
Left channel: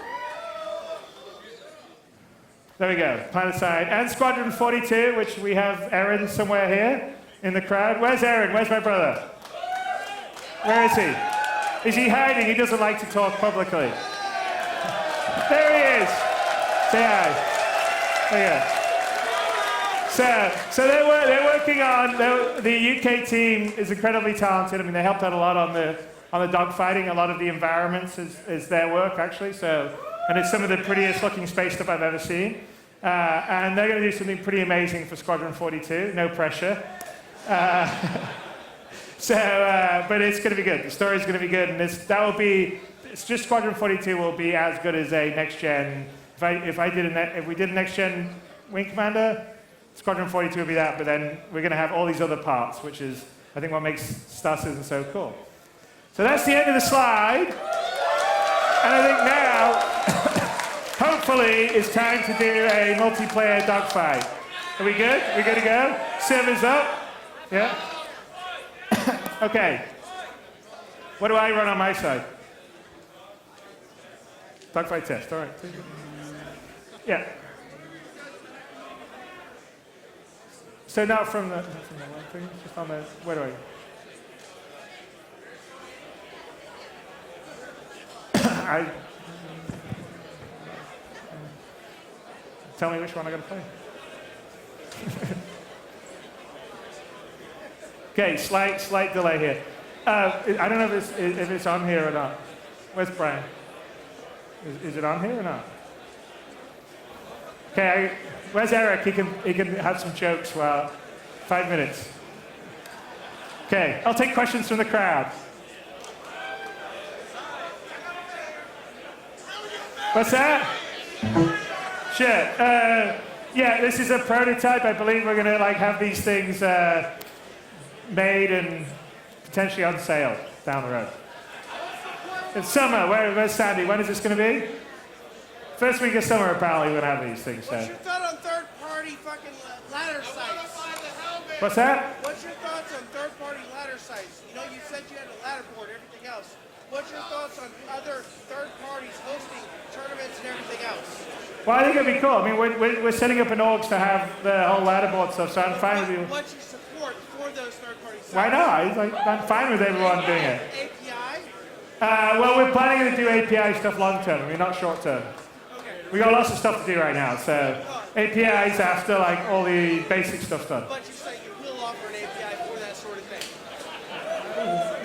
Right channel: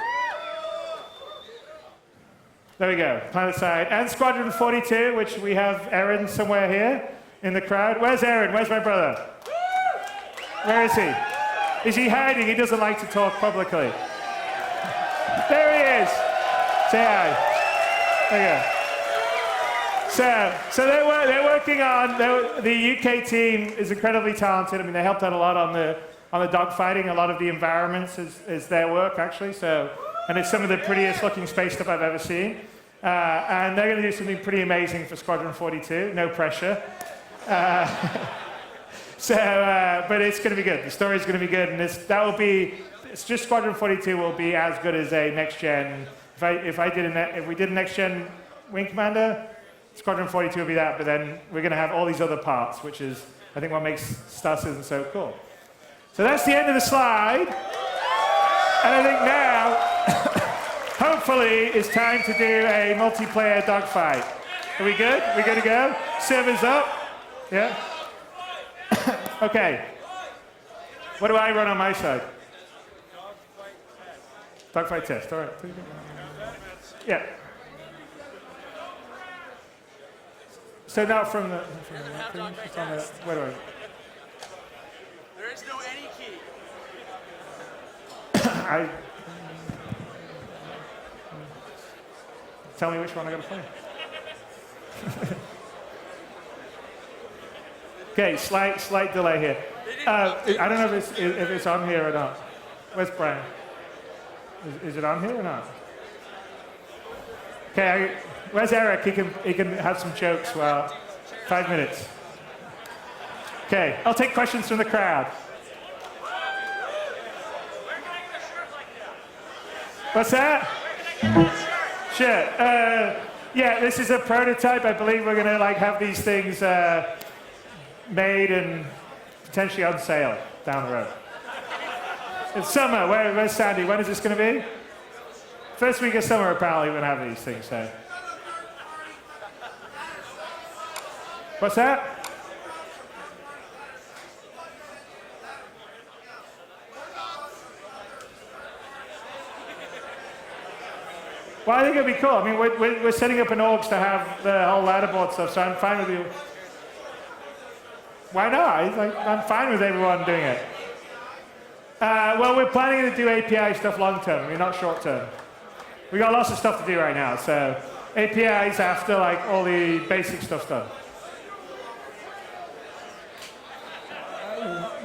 there we go, planet side. And Squadron 42, which we have Aaron somewhere here in the crowd. Where's Aaron? Where's my brother? Where is he? Is he hiding? He doesn't like to talk publicly. There he is. Say hi. There you go. So they're working on, the UK team is incredibly talented. I mean, they helped out a lot on the dogfighting. A lot of the environments is their work, actually. So, and it's some of the prettiest looking space stuff I've ever seen. And they're going to do something pretty amazing for Squadron 42. No pressure. But it's going to be good. The story's going to be good, and it's just Squadron 42 will be as good as a next gen. If we did a next gen Wing Commander, Squadron 42 will be that. But then we're going to have all these other parts, which is I think what makes Star Citizen so cool. So that's the end of the slide, and I think now, hopefully, it's time to do a multiplayer dogfight. Are we good? We good to go? Servers up? Yeah. Okay. What do I run on my side? Dogfight test. All right. Yeah. So not from the web thing, just on the, where do I go? There is no any key. Tell me which one I got to play. Okay, slight delay here. I don't know if it's on here or not. Where's Brian? Is it on here or not? Okay, where's Eric? He can have some jokes. Well, 5 minutes. Okay, I'll take questions from the crowd. What's that? Sure. Yeah, this is a prototype. I believe we're going to have these things made and potentially on sale down the road. It's summer. Where's Sandy? When is this going to be? First week of summer, apparently, we're going to have these things. So. What's that? What's your thoughts on third-party ladder sites? You know, you said you had a ladder board, everything else. What's your thoughts on other third parties hosting tournaments and everything else? Well, I think it'd be cool. I mean, we're setting up an orgs to have the whole ladder board stuff, so I'm fine with you. What's your support for those third-party sites? Why not? I'm fine with everyone doing it. Well, we're planning to do API stuff long term. I mean, not short term. We got lots of stuff to do right now, so APIs after like all the basic stuff's done.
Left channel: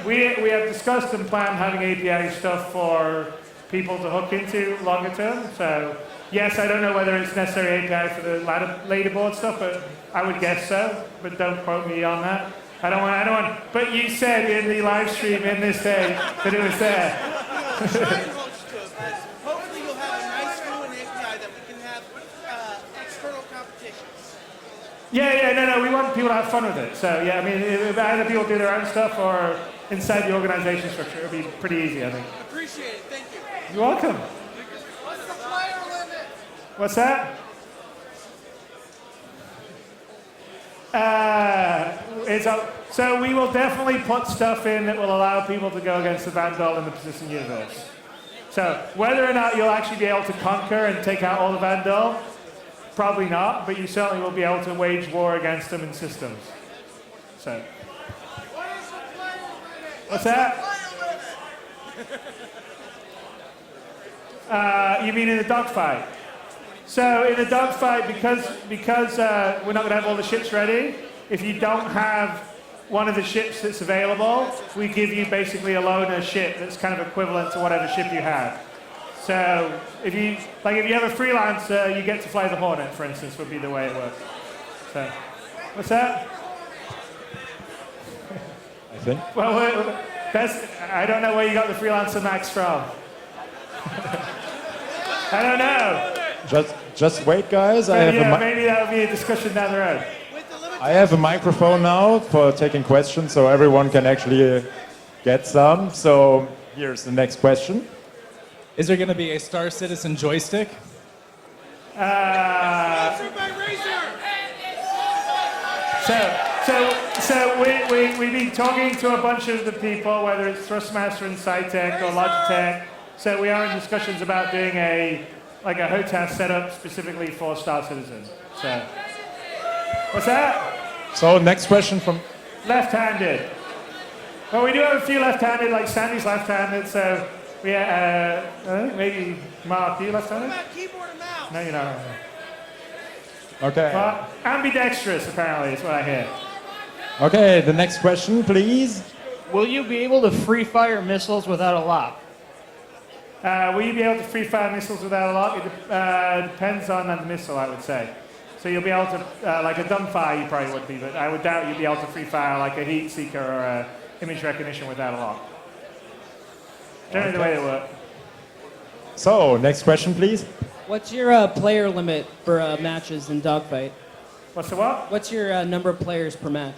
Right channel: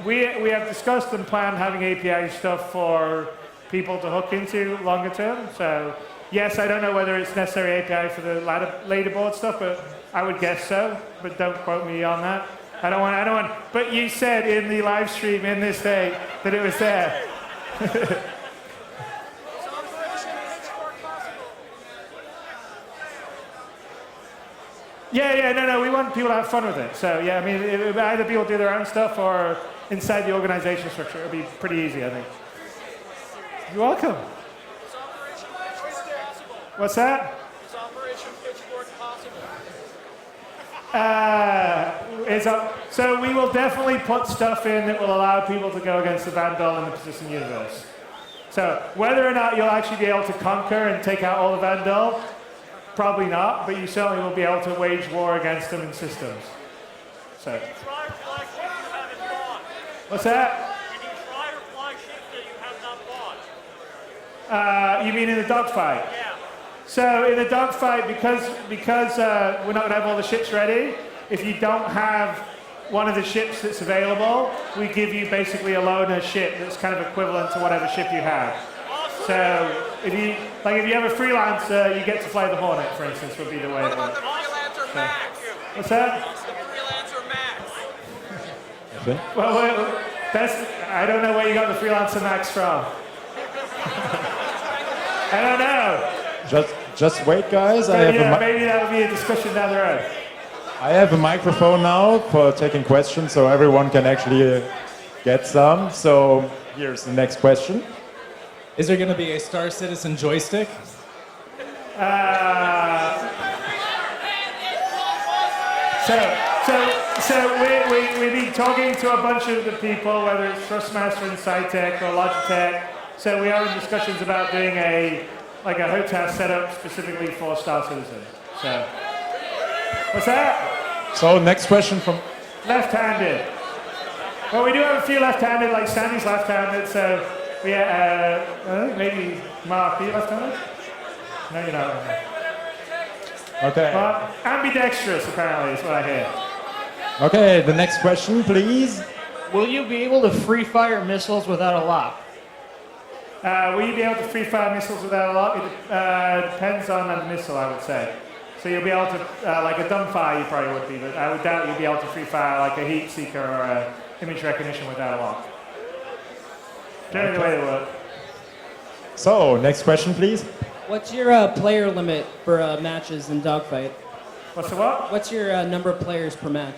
We have discussed and planned having API stuff for people to hook into longer term. So yes, I don't know whether it's necessary API for the leaderboard stuff, but I would guess so. But don't quote me on that. I don't want. But you said in the live stream in this day that it was there. Yeah, no, we want people to have fun with it. So yeah, I mean, either people do their own stuff or inside the organization structure. It'll be pretty easy, I think. Appreciate it. Thank you. You're welcome. What's that? So we will definitely put stuff in that will allow people to go against the Vandal in the persistent universe. So whether or not you'll actually be able to conquer and take out all the Vandal, probably not, but you certainly will be able to wage war against them in systems. So, what's that? You mean in the dogfight? So in the dogfight, because we're not going to have all the ships ready, if you don't have one of the ships that's available, we give you basically a loaner ship that's kind of equivalent to whatever ship you have. So if you have a freelancer, you get to fly the Hornet, for instance, would be the way it works. So, what's that? Well, I don't know where you got the freelancer max from. I don't know. But yeah, maybe that would be a discussion down the road. I have a microphone now for taking questions so everyone can actually get stuff. So here's the next question. Is there going to be expressions and joysticks? So we've been talking to a bunch of the people, whether it's Thrustmaster and Scitech or Logitech. So we are in discussions about doing a HOTAS setup specifically for Star Citizen. So, what's that? So next question. Left-handed. Well, we do have a few left-handed, like Sandy's left-handed, so we I think maybe Mark, are you left-handed? No, you're not. Well, ambidextrous, apparently, is what I hear. Okay, the next question, please. Will you be able to free fire missiles without a lock? Will you be able to free fire missiles without a lock? It depends on the missile, I would say. So you'll be able to, like a dumbfire you probably would be, but I would doubt you'd be able to free fire like a heat seeker or a image recognition without a lock. Generally the way they work. So, next question, please. What's your player limit for messages in Dogfight? What's the what? What's your number of players per match?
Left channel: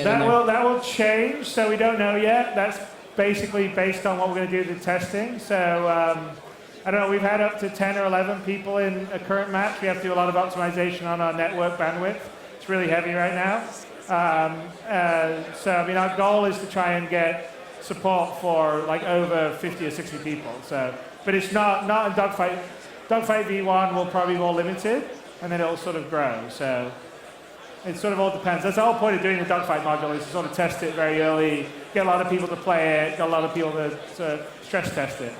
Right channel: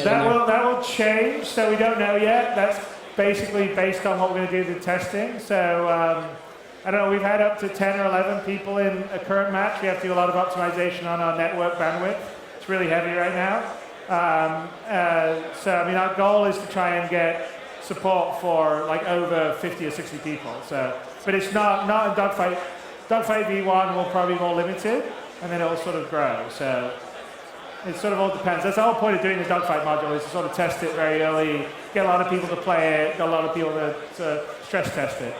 That will change, so we don't know yet. That's basically based on what we're going to do with the testing. So I don't know, we've had up to 10 or 11 people in a current match. We have to do a lot of optimization on our network bandwidth. It's really heavy right now. So I mean, our goal is to try and get support for like over 50 or 60 people. So, but it's not in Dogfight. Dogfight V1 will probably be more limited, and then it'll sort of grow. So it sort of all depends. That's the whole point of doing the Dogfight module, is to sort of test it very early, get a lot of people to play it, get a lot of people to stress test it.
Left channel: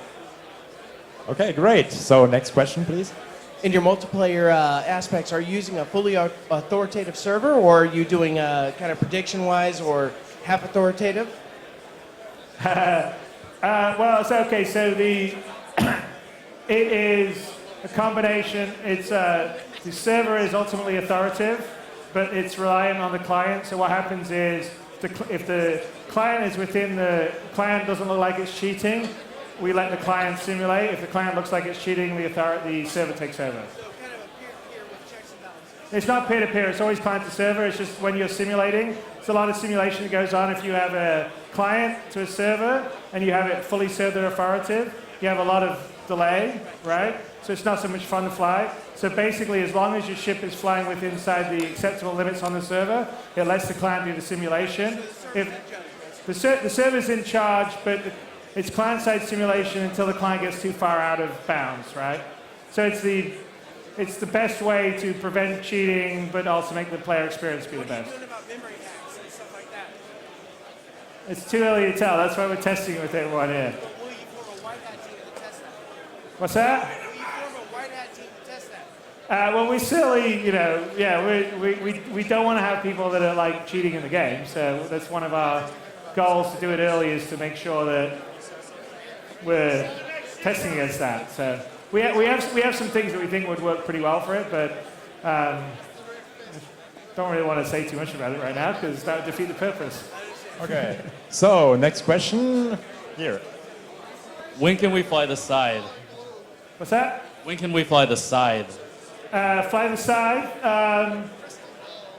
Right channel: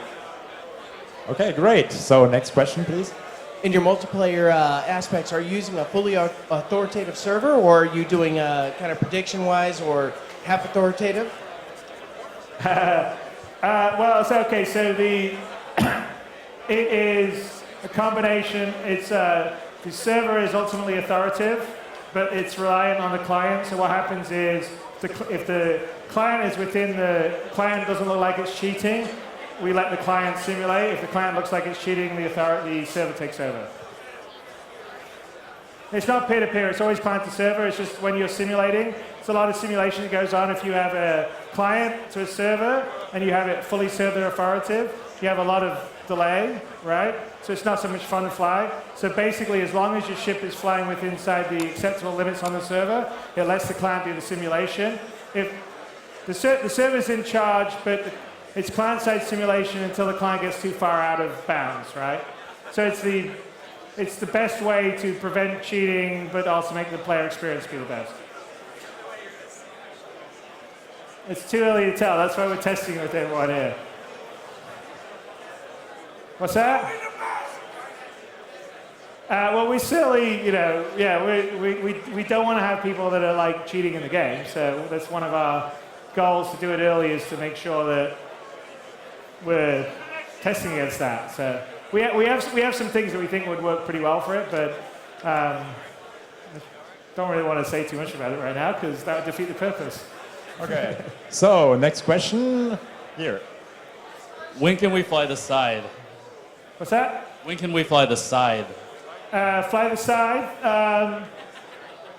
Okay, great. So next question, please. In your multiplayer aspects, are you using a fully authoritative server, or are you doing prediction-wise or half authoritative? Well, it's okay. So it is a combination. It's the server is ultimately authoritative, but it's reliant on the client. So what happens is, if the client is within the client doesn't look like it's cheating, we let the client simulate. If the client looks like it's cheating, the server takes over. It's not peer-to-peer. It's always client to server. It's just when you're simulating, it's a lot of simulation that goes on. If you have a client to a server and you have it fully server authoritative, you have a lot of delay, right? So it's not so much fun to fly. So basically, as long as your ship is flying within inside the acceptable limits on the server, it lets the client do the simulation. If the server's in charge, but it's client-side simulation until the client gets too far out of bounds, right? So it's the best way to prevent cheating, but also make the player experience be the best. It's too early to tell. That's why we're testing it with everyone here. What's that? Well, we certainly, we don't want to have people that are like cheating in the game. So that's one of our goals to do it early, is to make sure that we're testing against that. So we have some things that we think would work pretty well for it, but I don't really want to say too much about it right now because that would defeat the purpose. So, next question. When can we fly the slide? What's that? When can we fly the slide? Fly the side.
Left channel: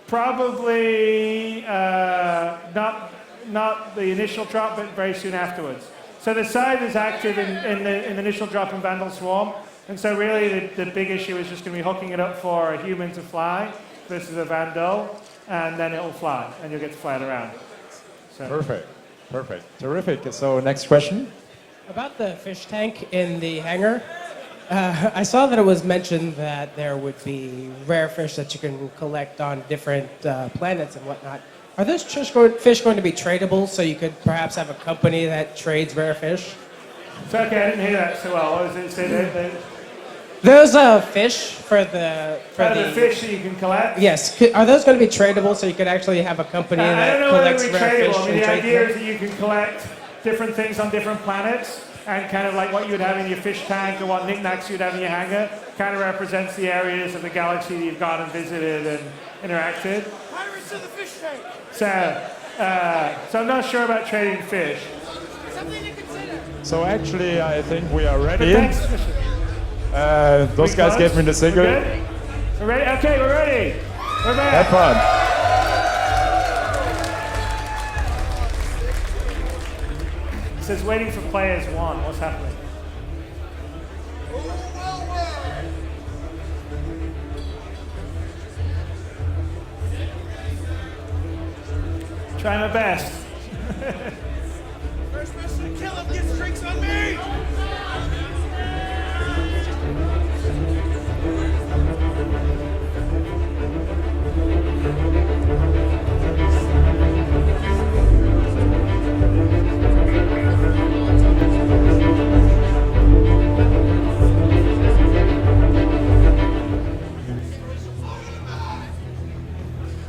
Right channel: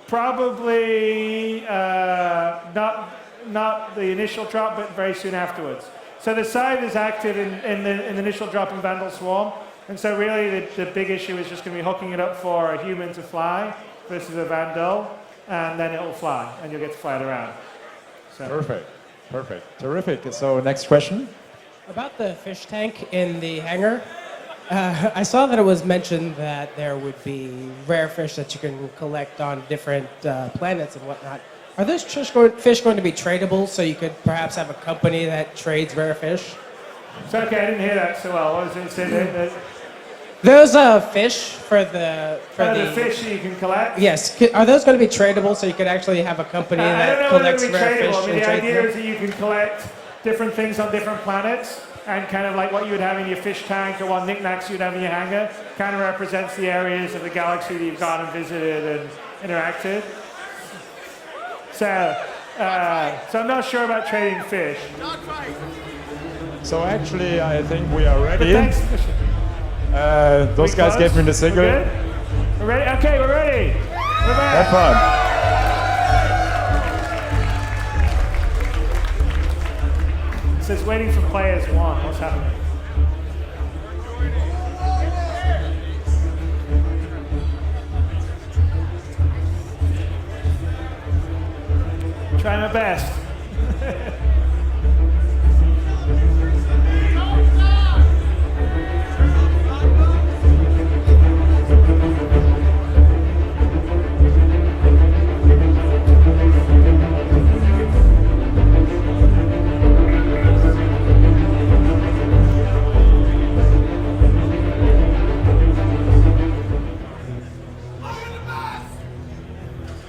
Probably not the initial drop, but very soon afterwards. So the side is active in the initial drop in Vandal Swarm, and so really the big issue is just going to be hooking it up for a human to fly versus a Vandal, and then it'll fly, and you'll get to fly it around. So. Perfect. So, next question. Tank in the air. I saw when it was mentioned that there was the reference that you could collect on different planets. Are these fish going to be tradable so you could perhaps put in and trade for fish? So, okay, I didn't hear that so well. What was it? Say that. There's a fish for the... Oh, the fish that you can collect? Yes. Are those going to be tradable so you can actually have a... I don't know whether they're tradable. I mean, the idea is that you can collect different things on different planets, and kind of like what you would have in your fish tank or what knickknacks you'd have in your hangar kind of represents the areas of the galaxy that you've gone and visited and interacted. So I'm not sure about trading fish. But thanks for the mission. Are we close? We're good? We're ready? Okay, we're ready. We're back. It says waiting for players one. What's happening? Try my best.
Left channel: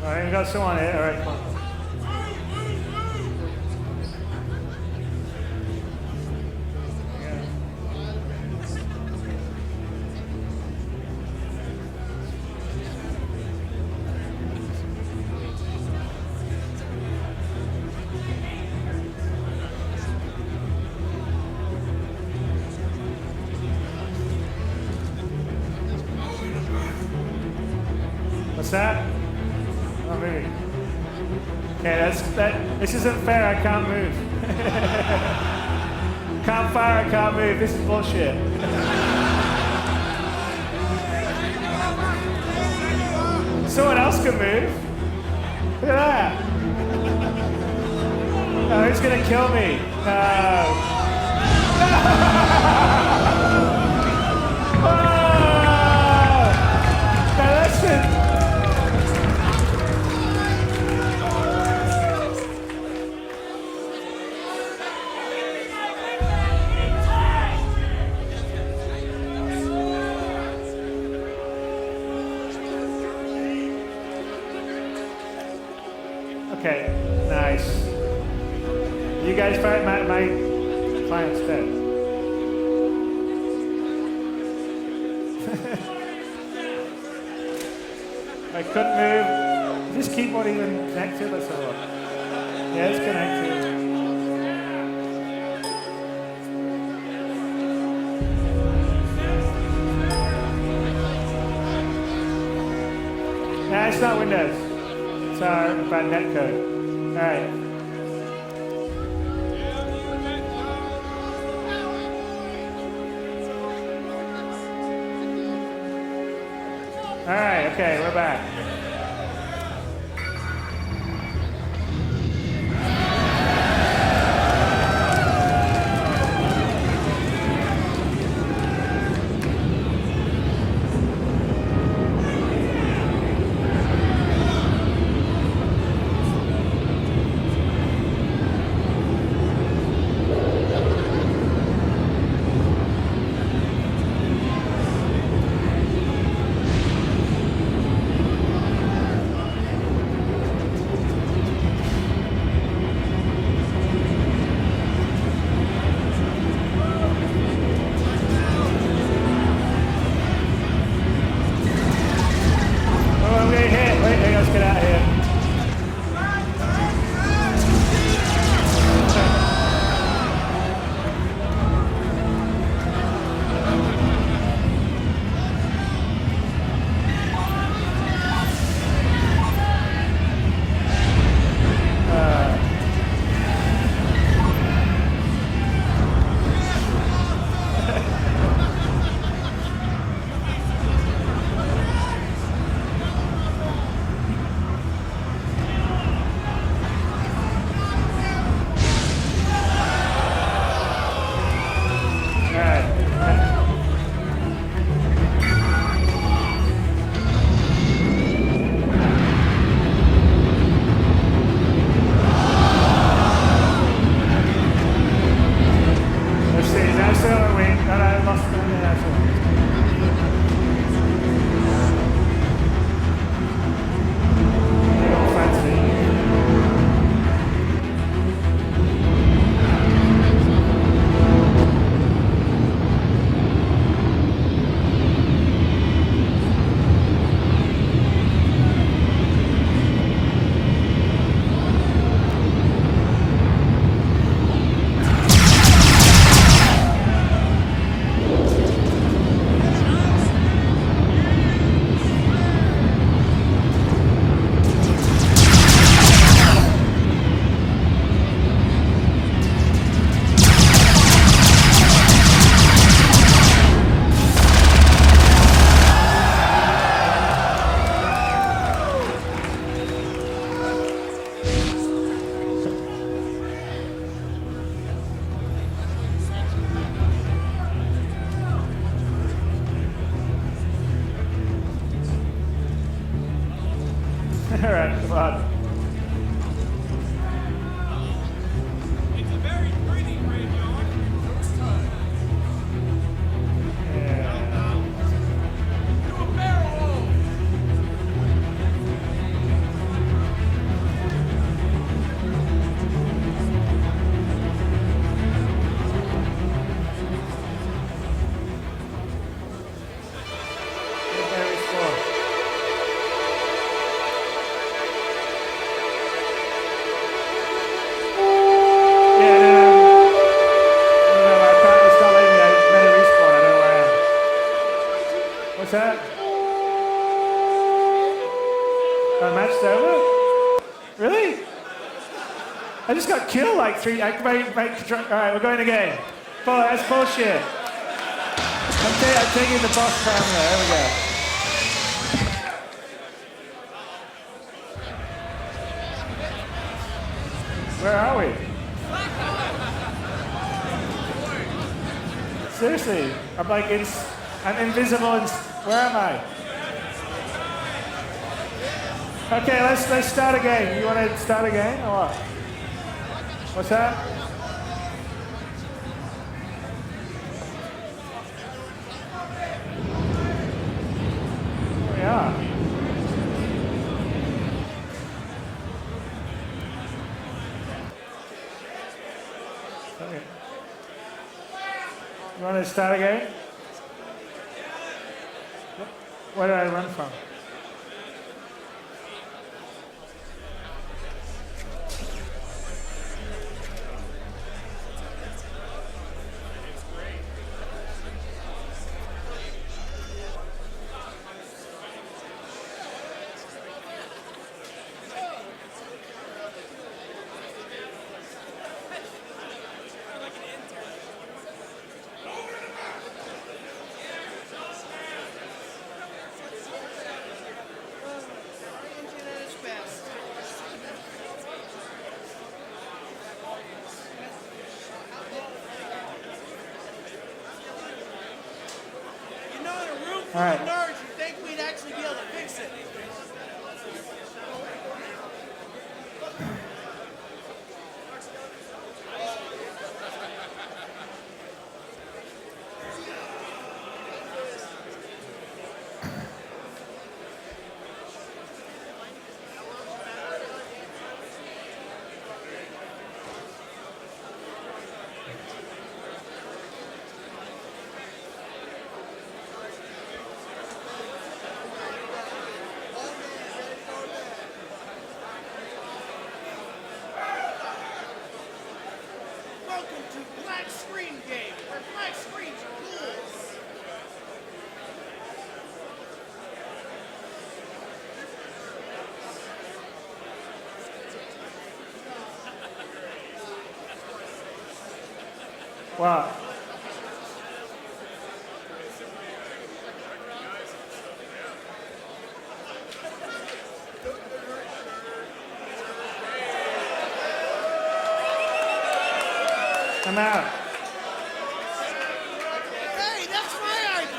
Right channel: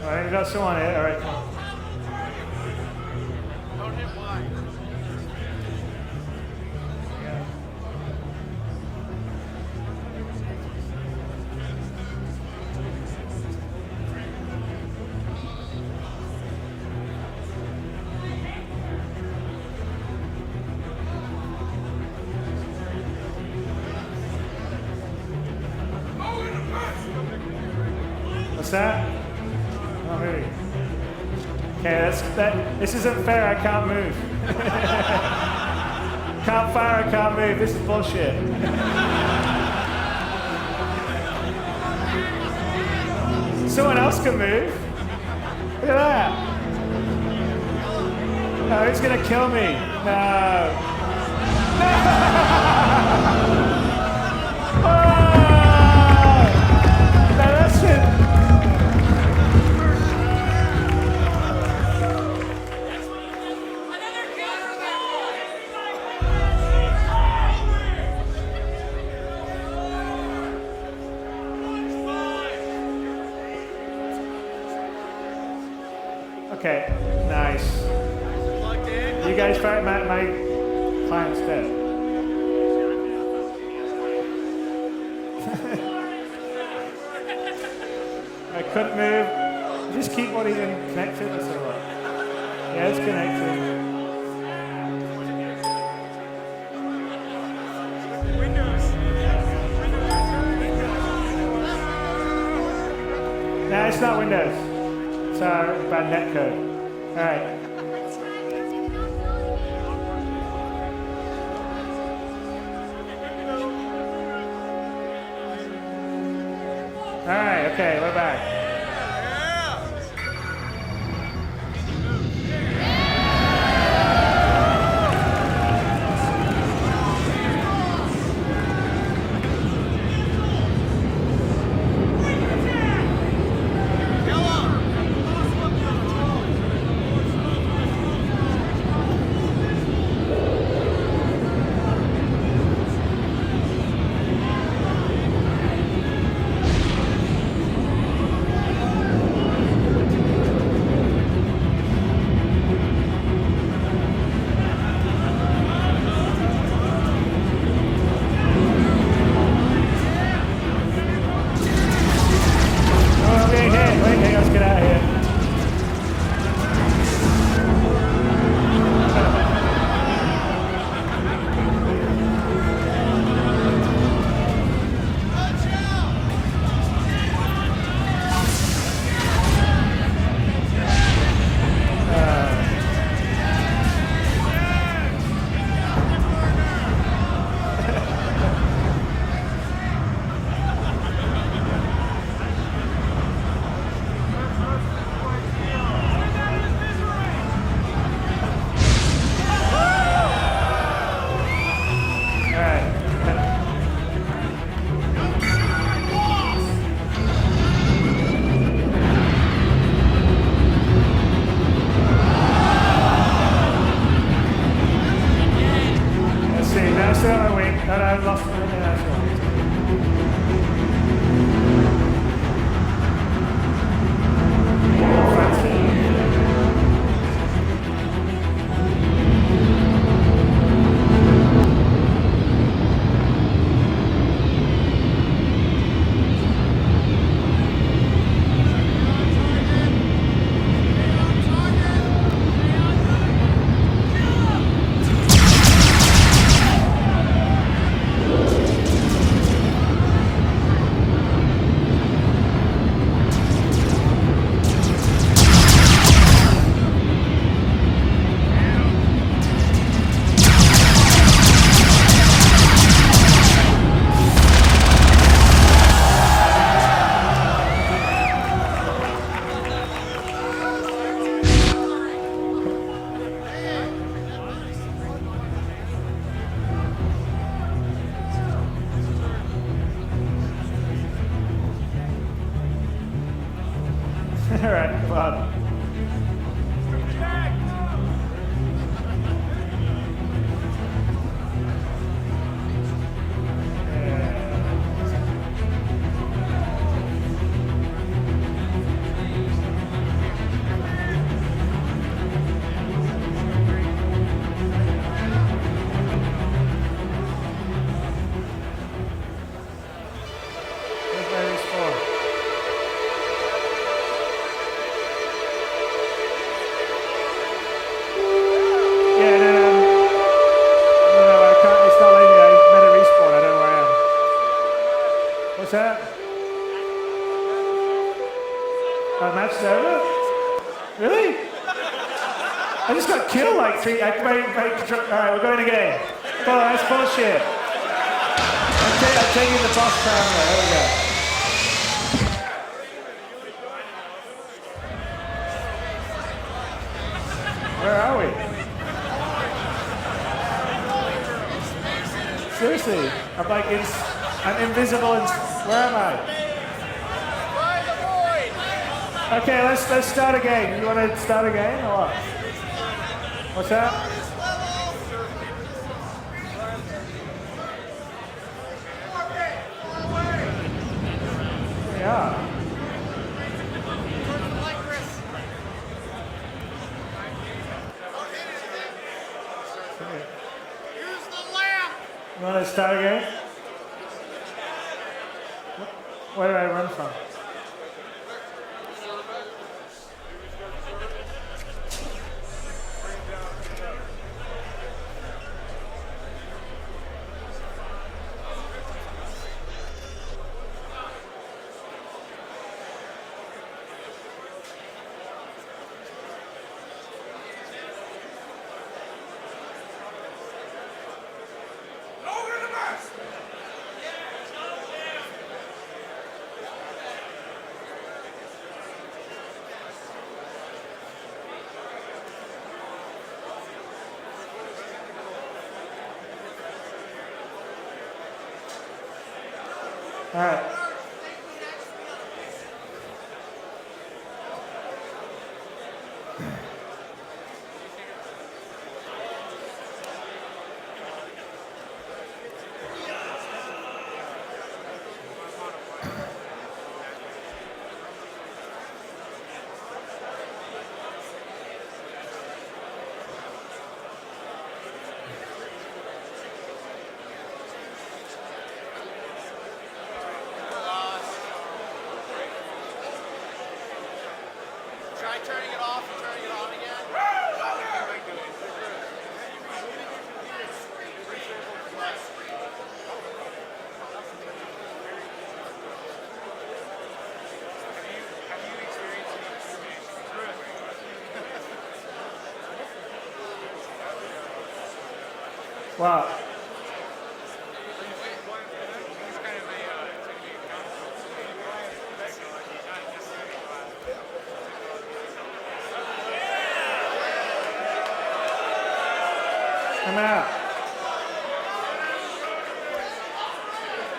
All right, we got someone here. All right, come on. There we go. What's that? Not moving. Okay, this isn't fair, I can't move. Can't fire, I can't move, this is bullshit. Someone else can move. Look at that. Oh, he's gonna kill me. No. No! Oh! No, that's it. Okay, nice. You guys fight, my client's dead. I couldn't move. Is this keyboard even connected? Let's have a look. Yeah, it's connected. Nah, it's not Windows. It's our bad net code. All right. All right, okay, we're back. get out of here. All right. Let's see. Now I still got my wing. And I lost my. No, that's all right. It's okay. Getting all fancy. All right, come on. Everybody respawn. Yeah, no, I can't, it's not letting me, I meant to respawn, I don't know where I am. What's that? Oh, match's over? Really? I just got killed like three, alright, we're going again. Oh, that's bullshit. I'm taking the boss parameter, there we go. Where are we? Seriously, I'm like, I'm invisible and, where am I? Okay, let's start again. You want to start again or what? What's that? Here we are. Okay. You want to start again? Where did I run from? All right. Wow. I'm out. Hey, that's my IP.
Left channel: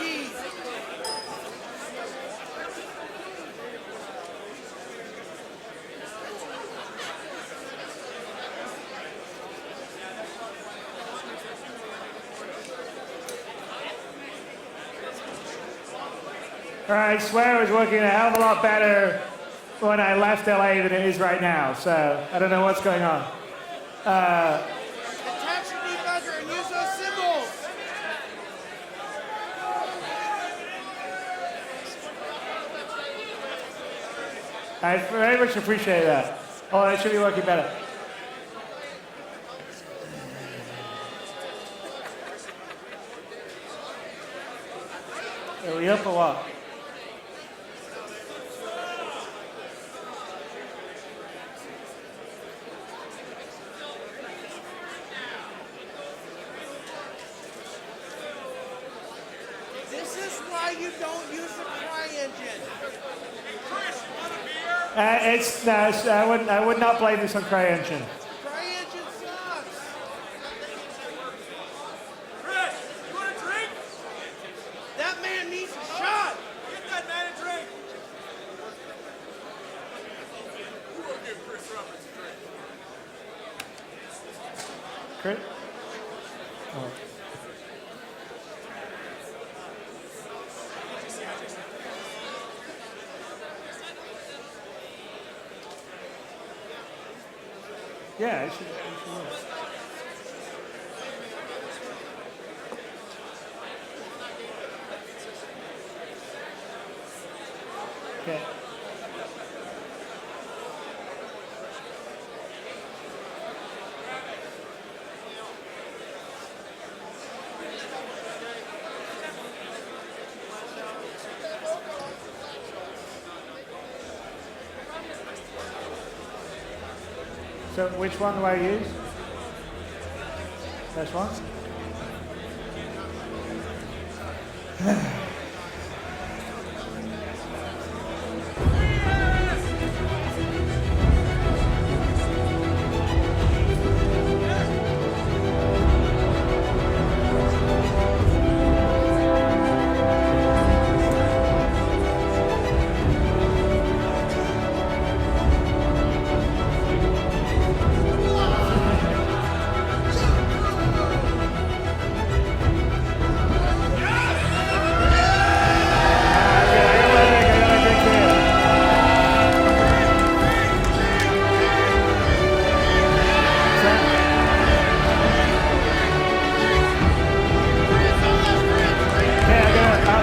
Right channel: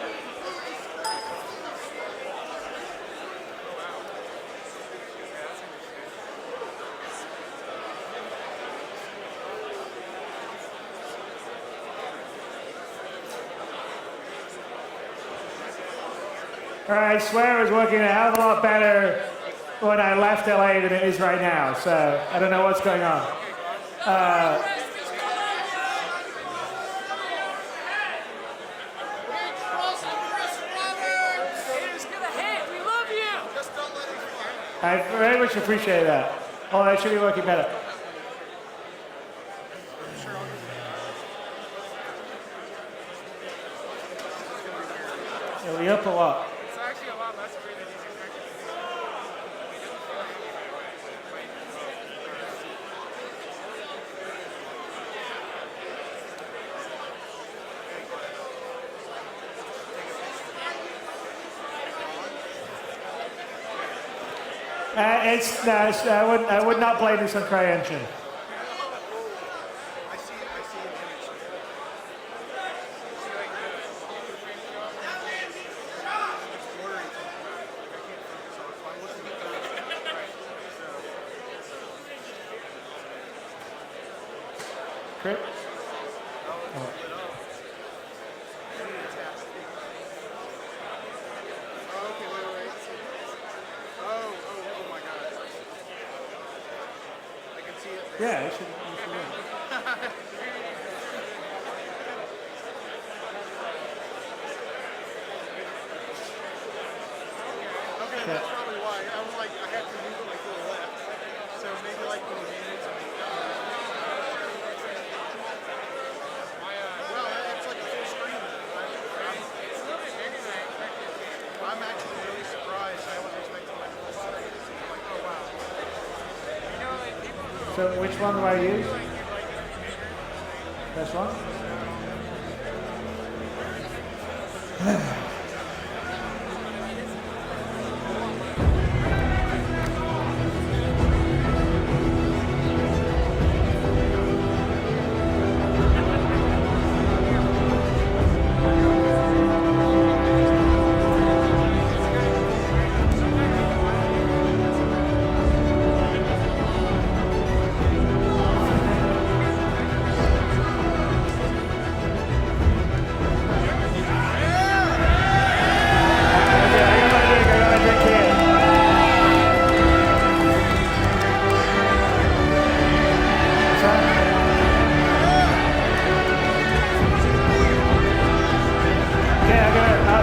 All right, I swear it was working a hell of a lot better when I left LA than it is right now, so I don't know what's going on. I very much appreciate that. Oh, it should be working better. Are we up or what? This is why you don't use the CryEngine. I would not blame this on CryEngine. That man needs a shot. Crit? Oh. Yeah, it should work. Okay. So which one do I use? This one?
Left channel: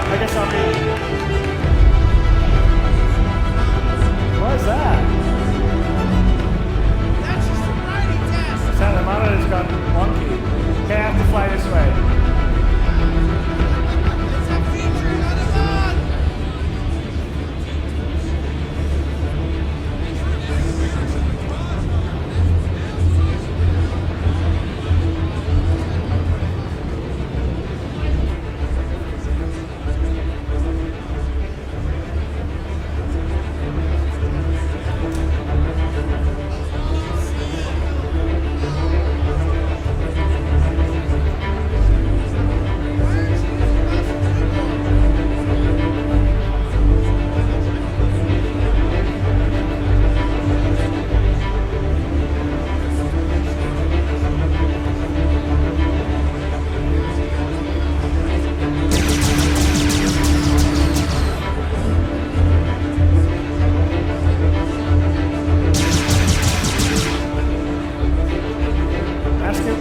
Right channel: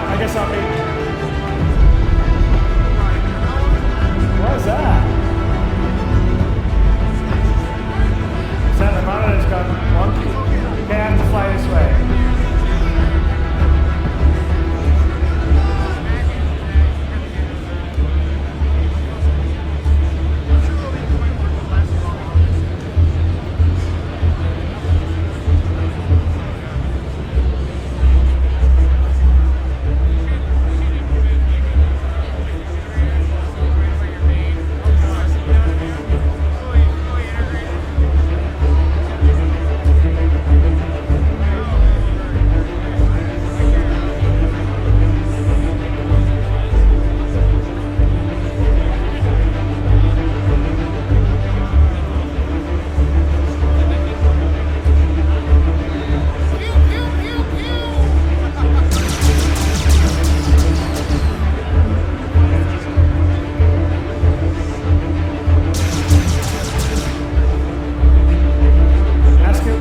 I guess I'll be. What is that? So the monitor's gone wonky. Okay, I have to fly this way.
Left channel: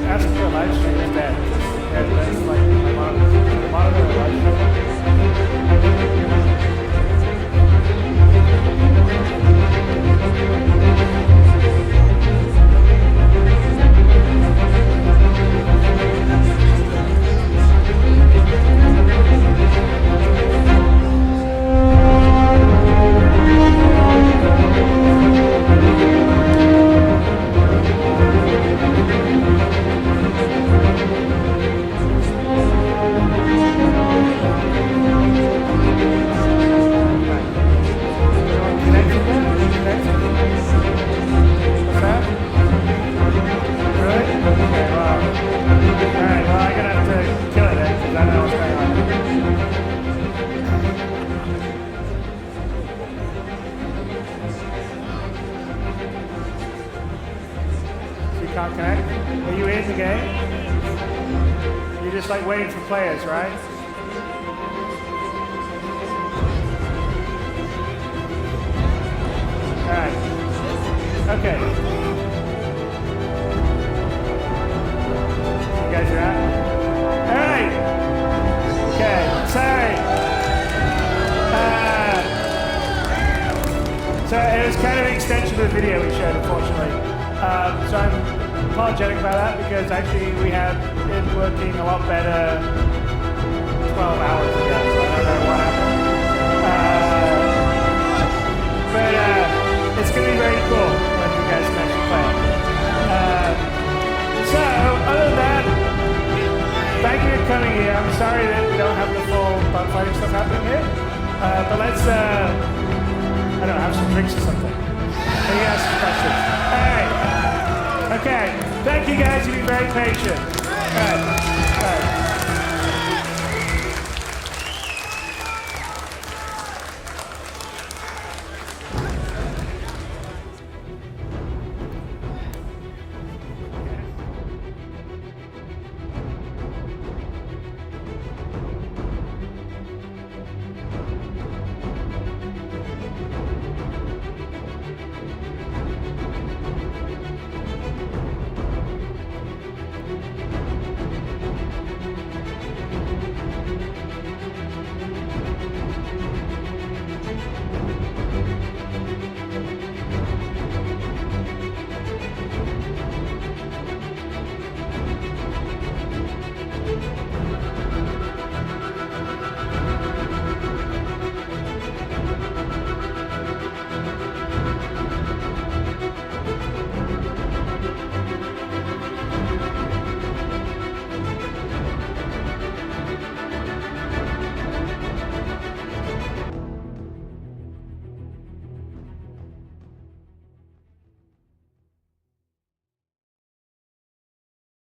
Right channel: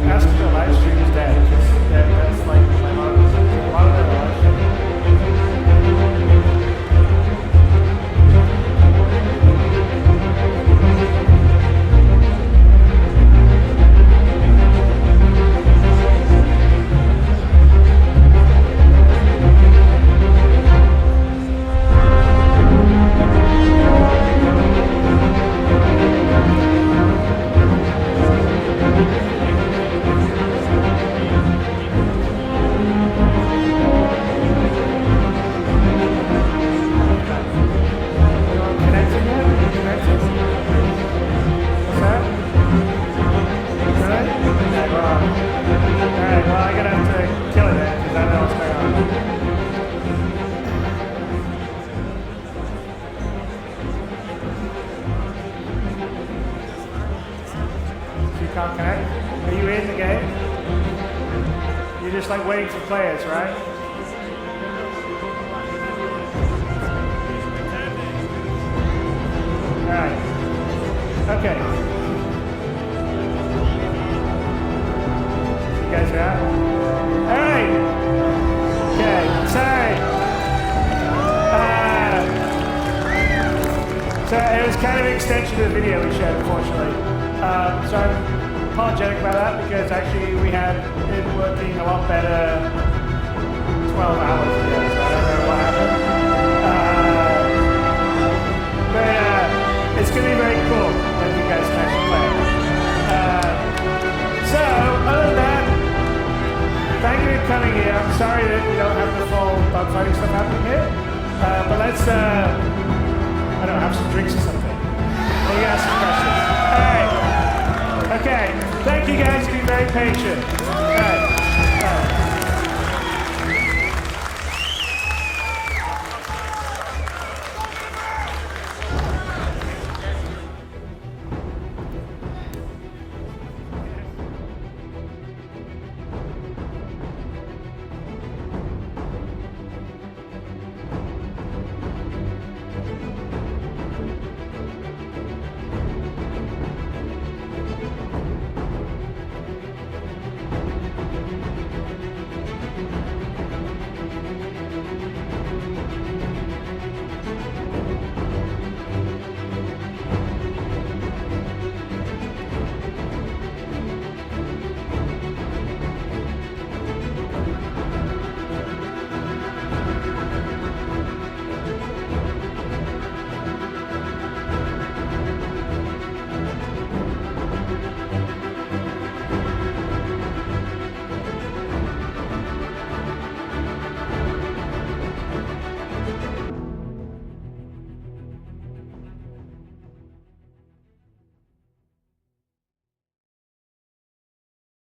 Ask if your live stream is dead, because that's like my monitor. Is the monitor a live stream? kill it then, because I don't know what's going on. So you can't connect? Are you in the game? You're just like waiting for players, right? All right. Okay. You guys are out? All right. Okay. Sorry. So it was kind of an extension of the video we showed, unfortunately. So I'm apologetic about that because actually we had it working a lot better 12 hours ago, so I don't know what happened. But it's going to be very cool when you guys can actually play it. So, other than that, thank you for coming here. I'm sorry that we don't have the full dogfighting stuff happening here. But let's, I don't know, have some drinks or something. Maybe ask some questions. All right. Okay. Thank you guys. You've been very patient. All right. All right.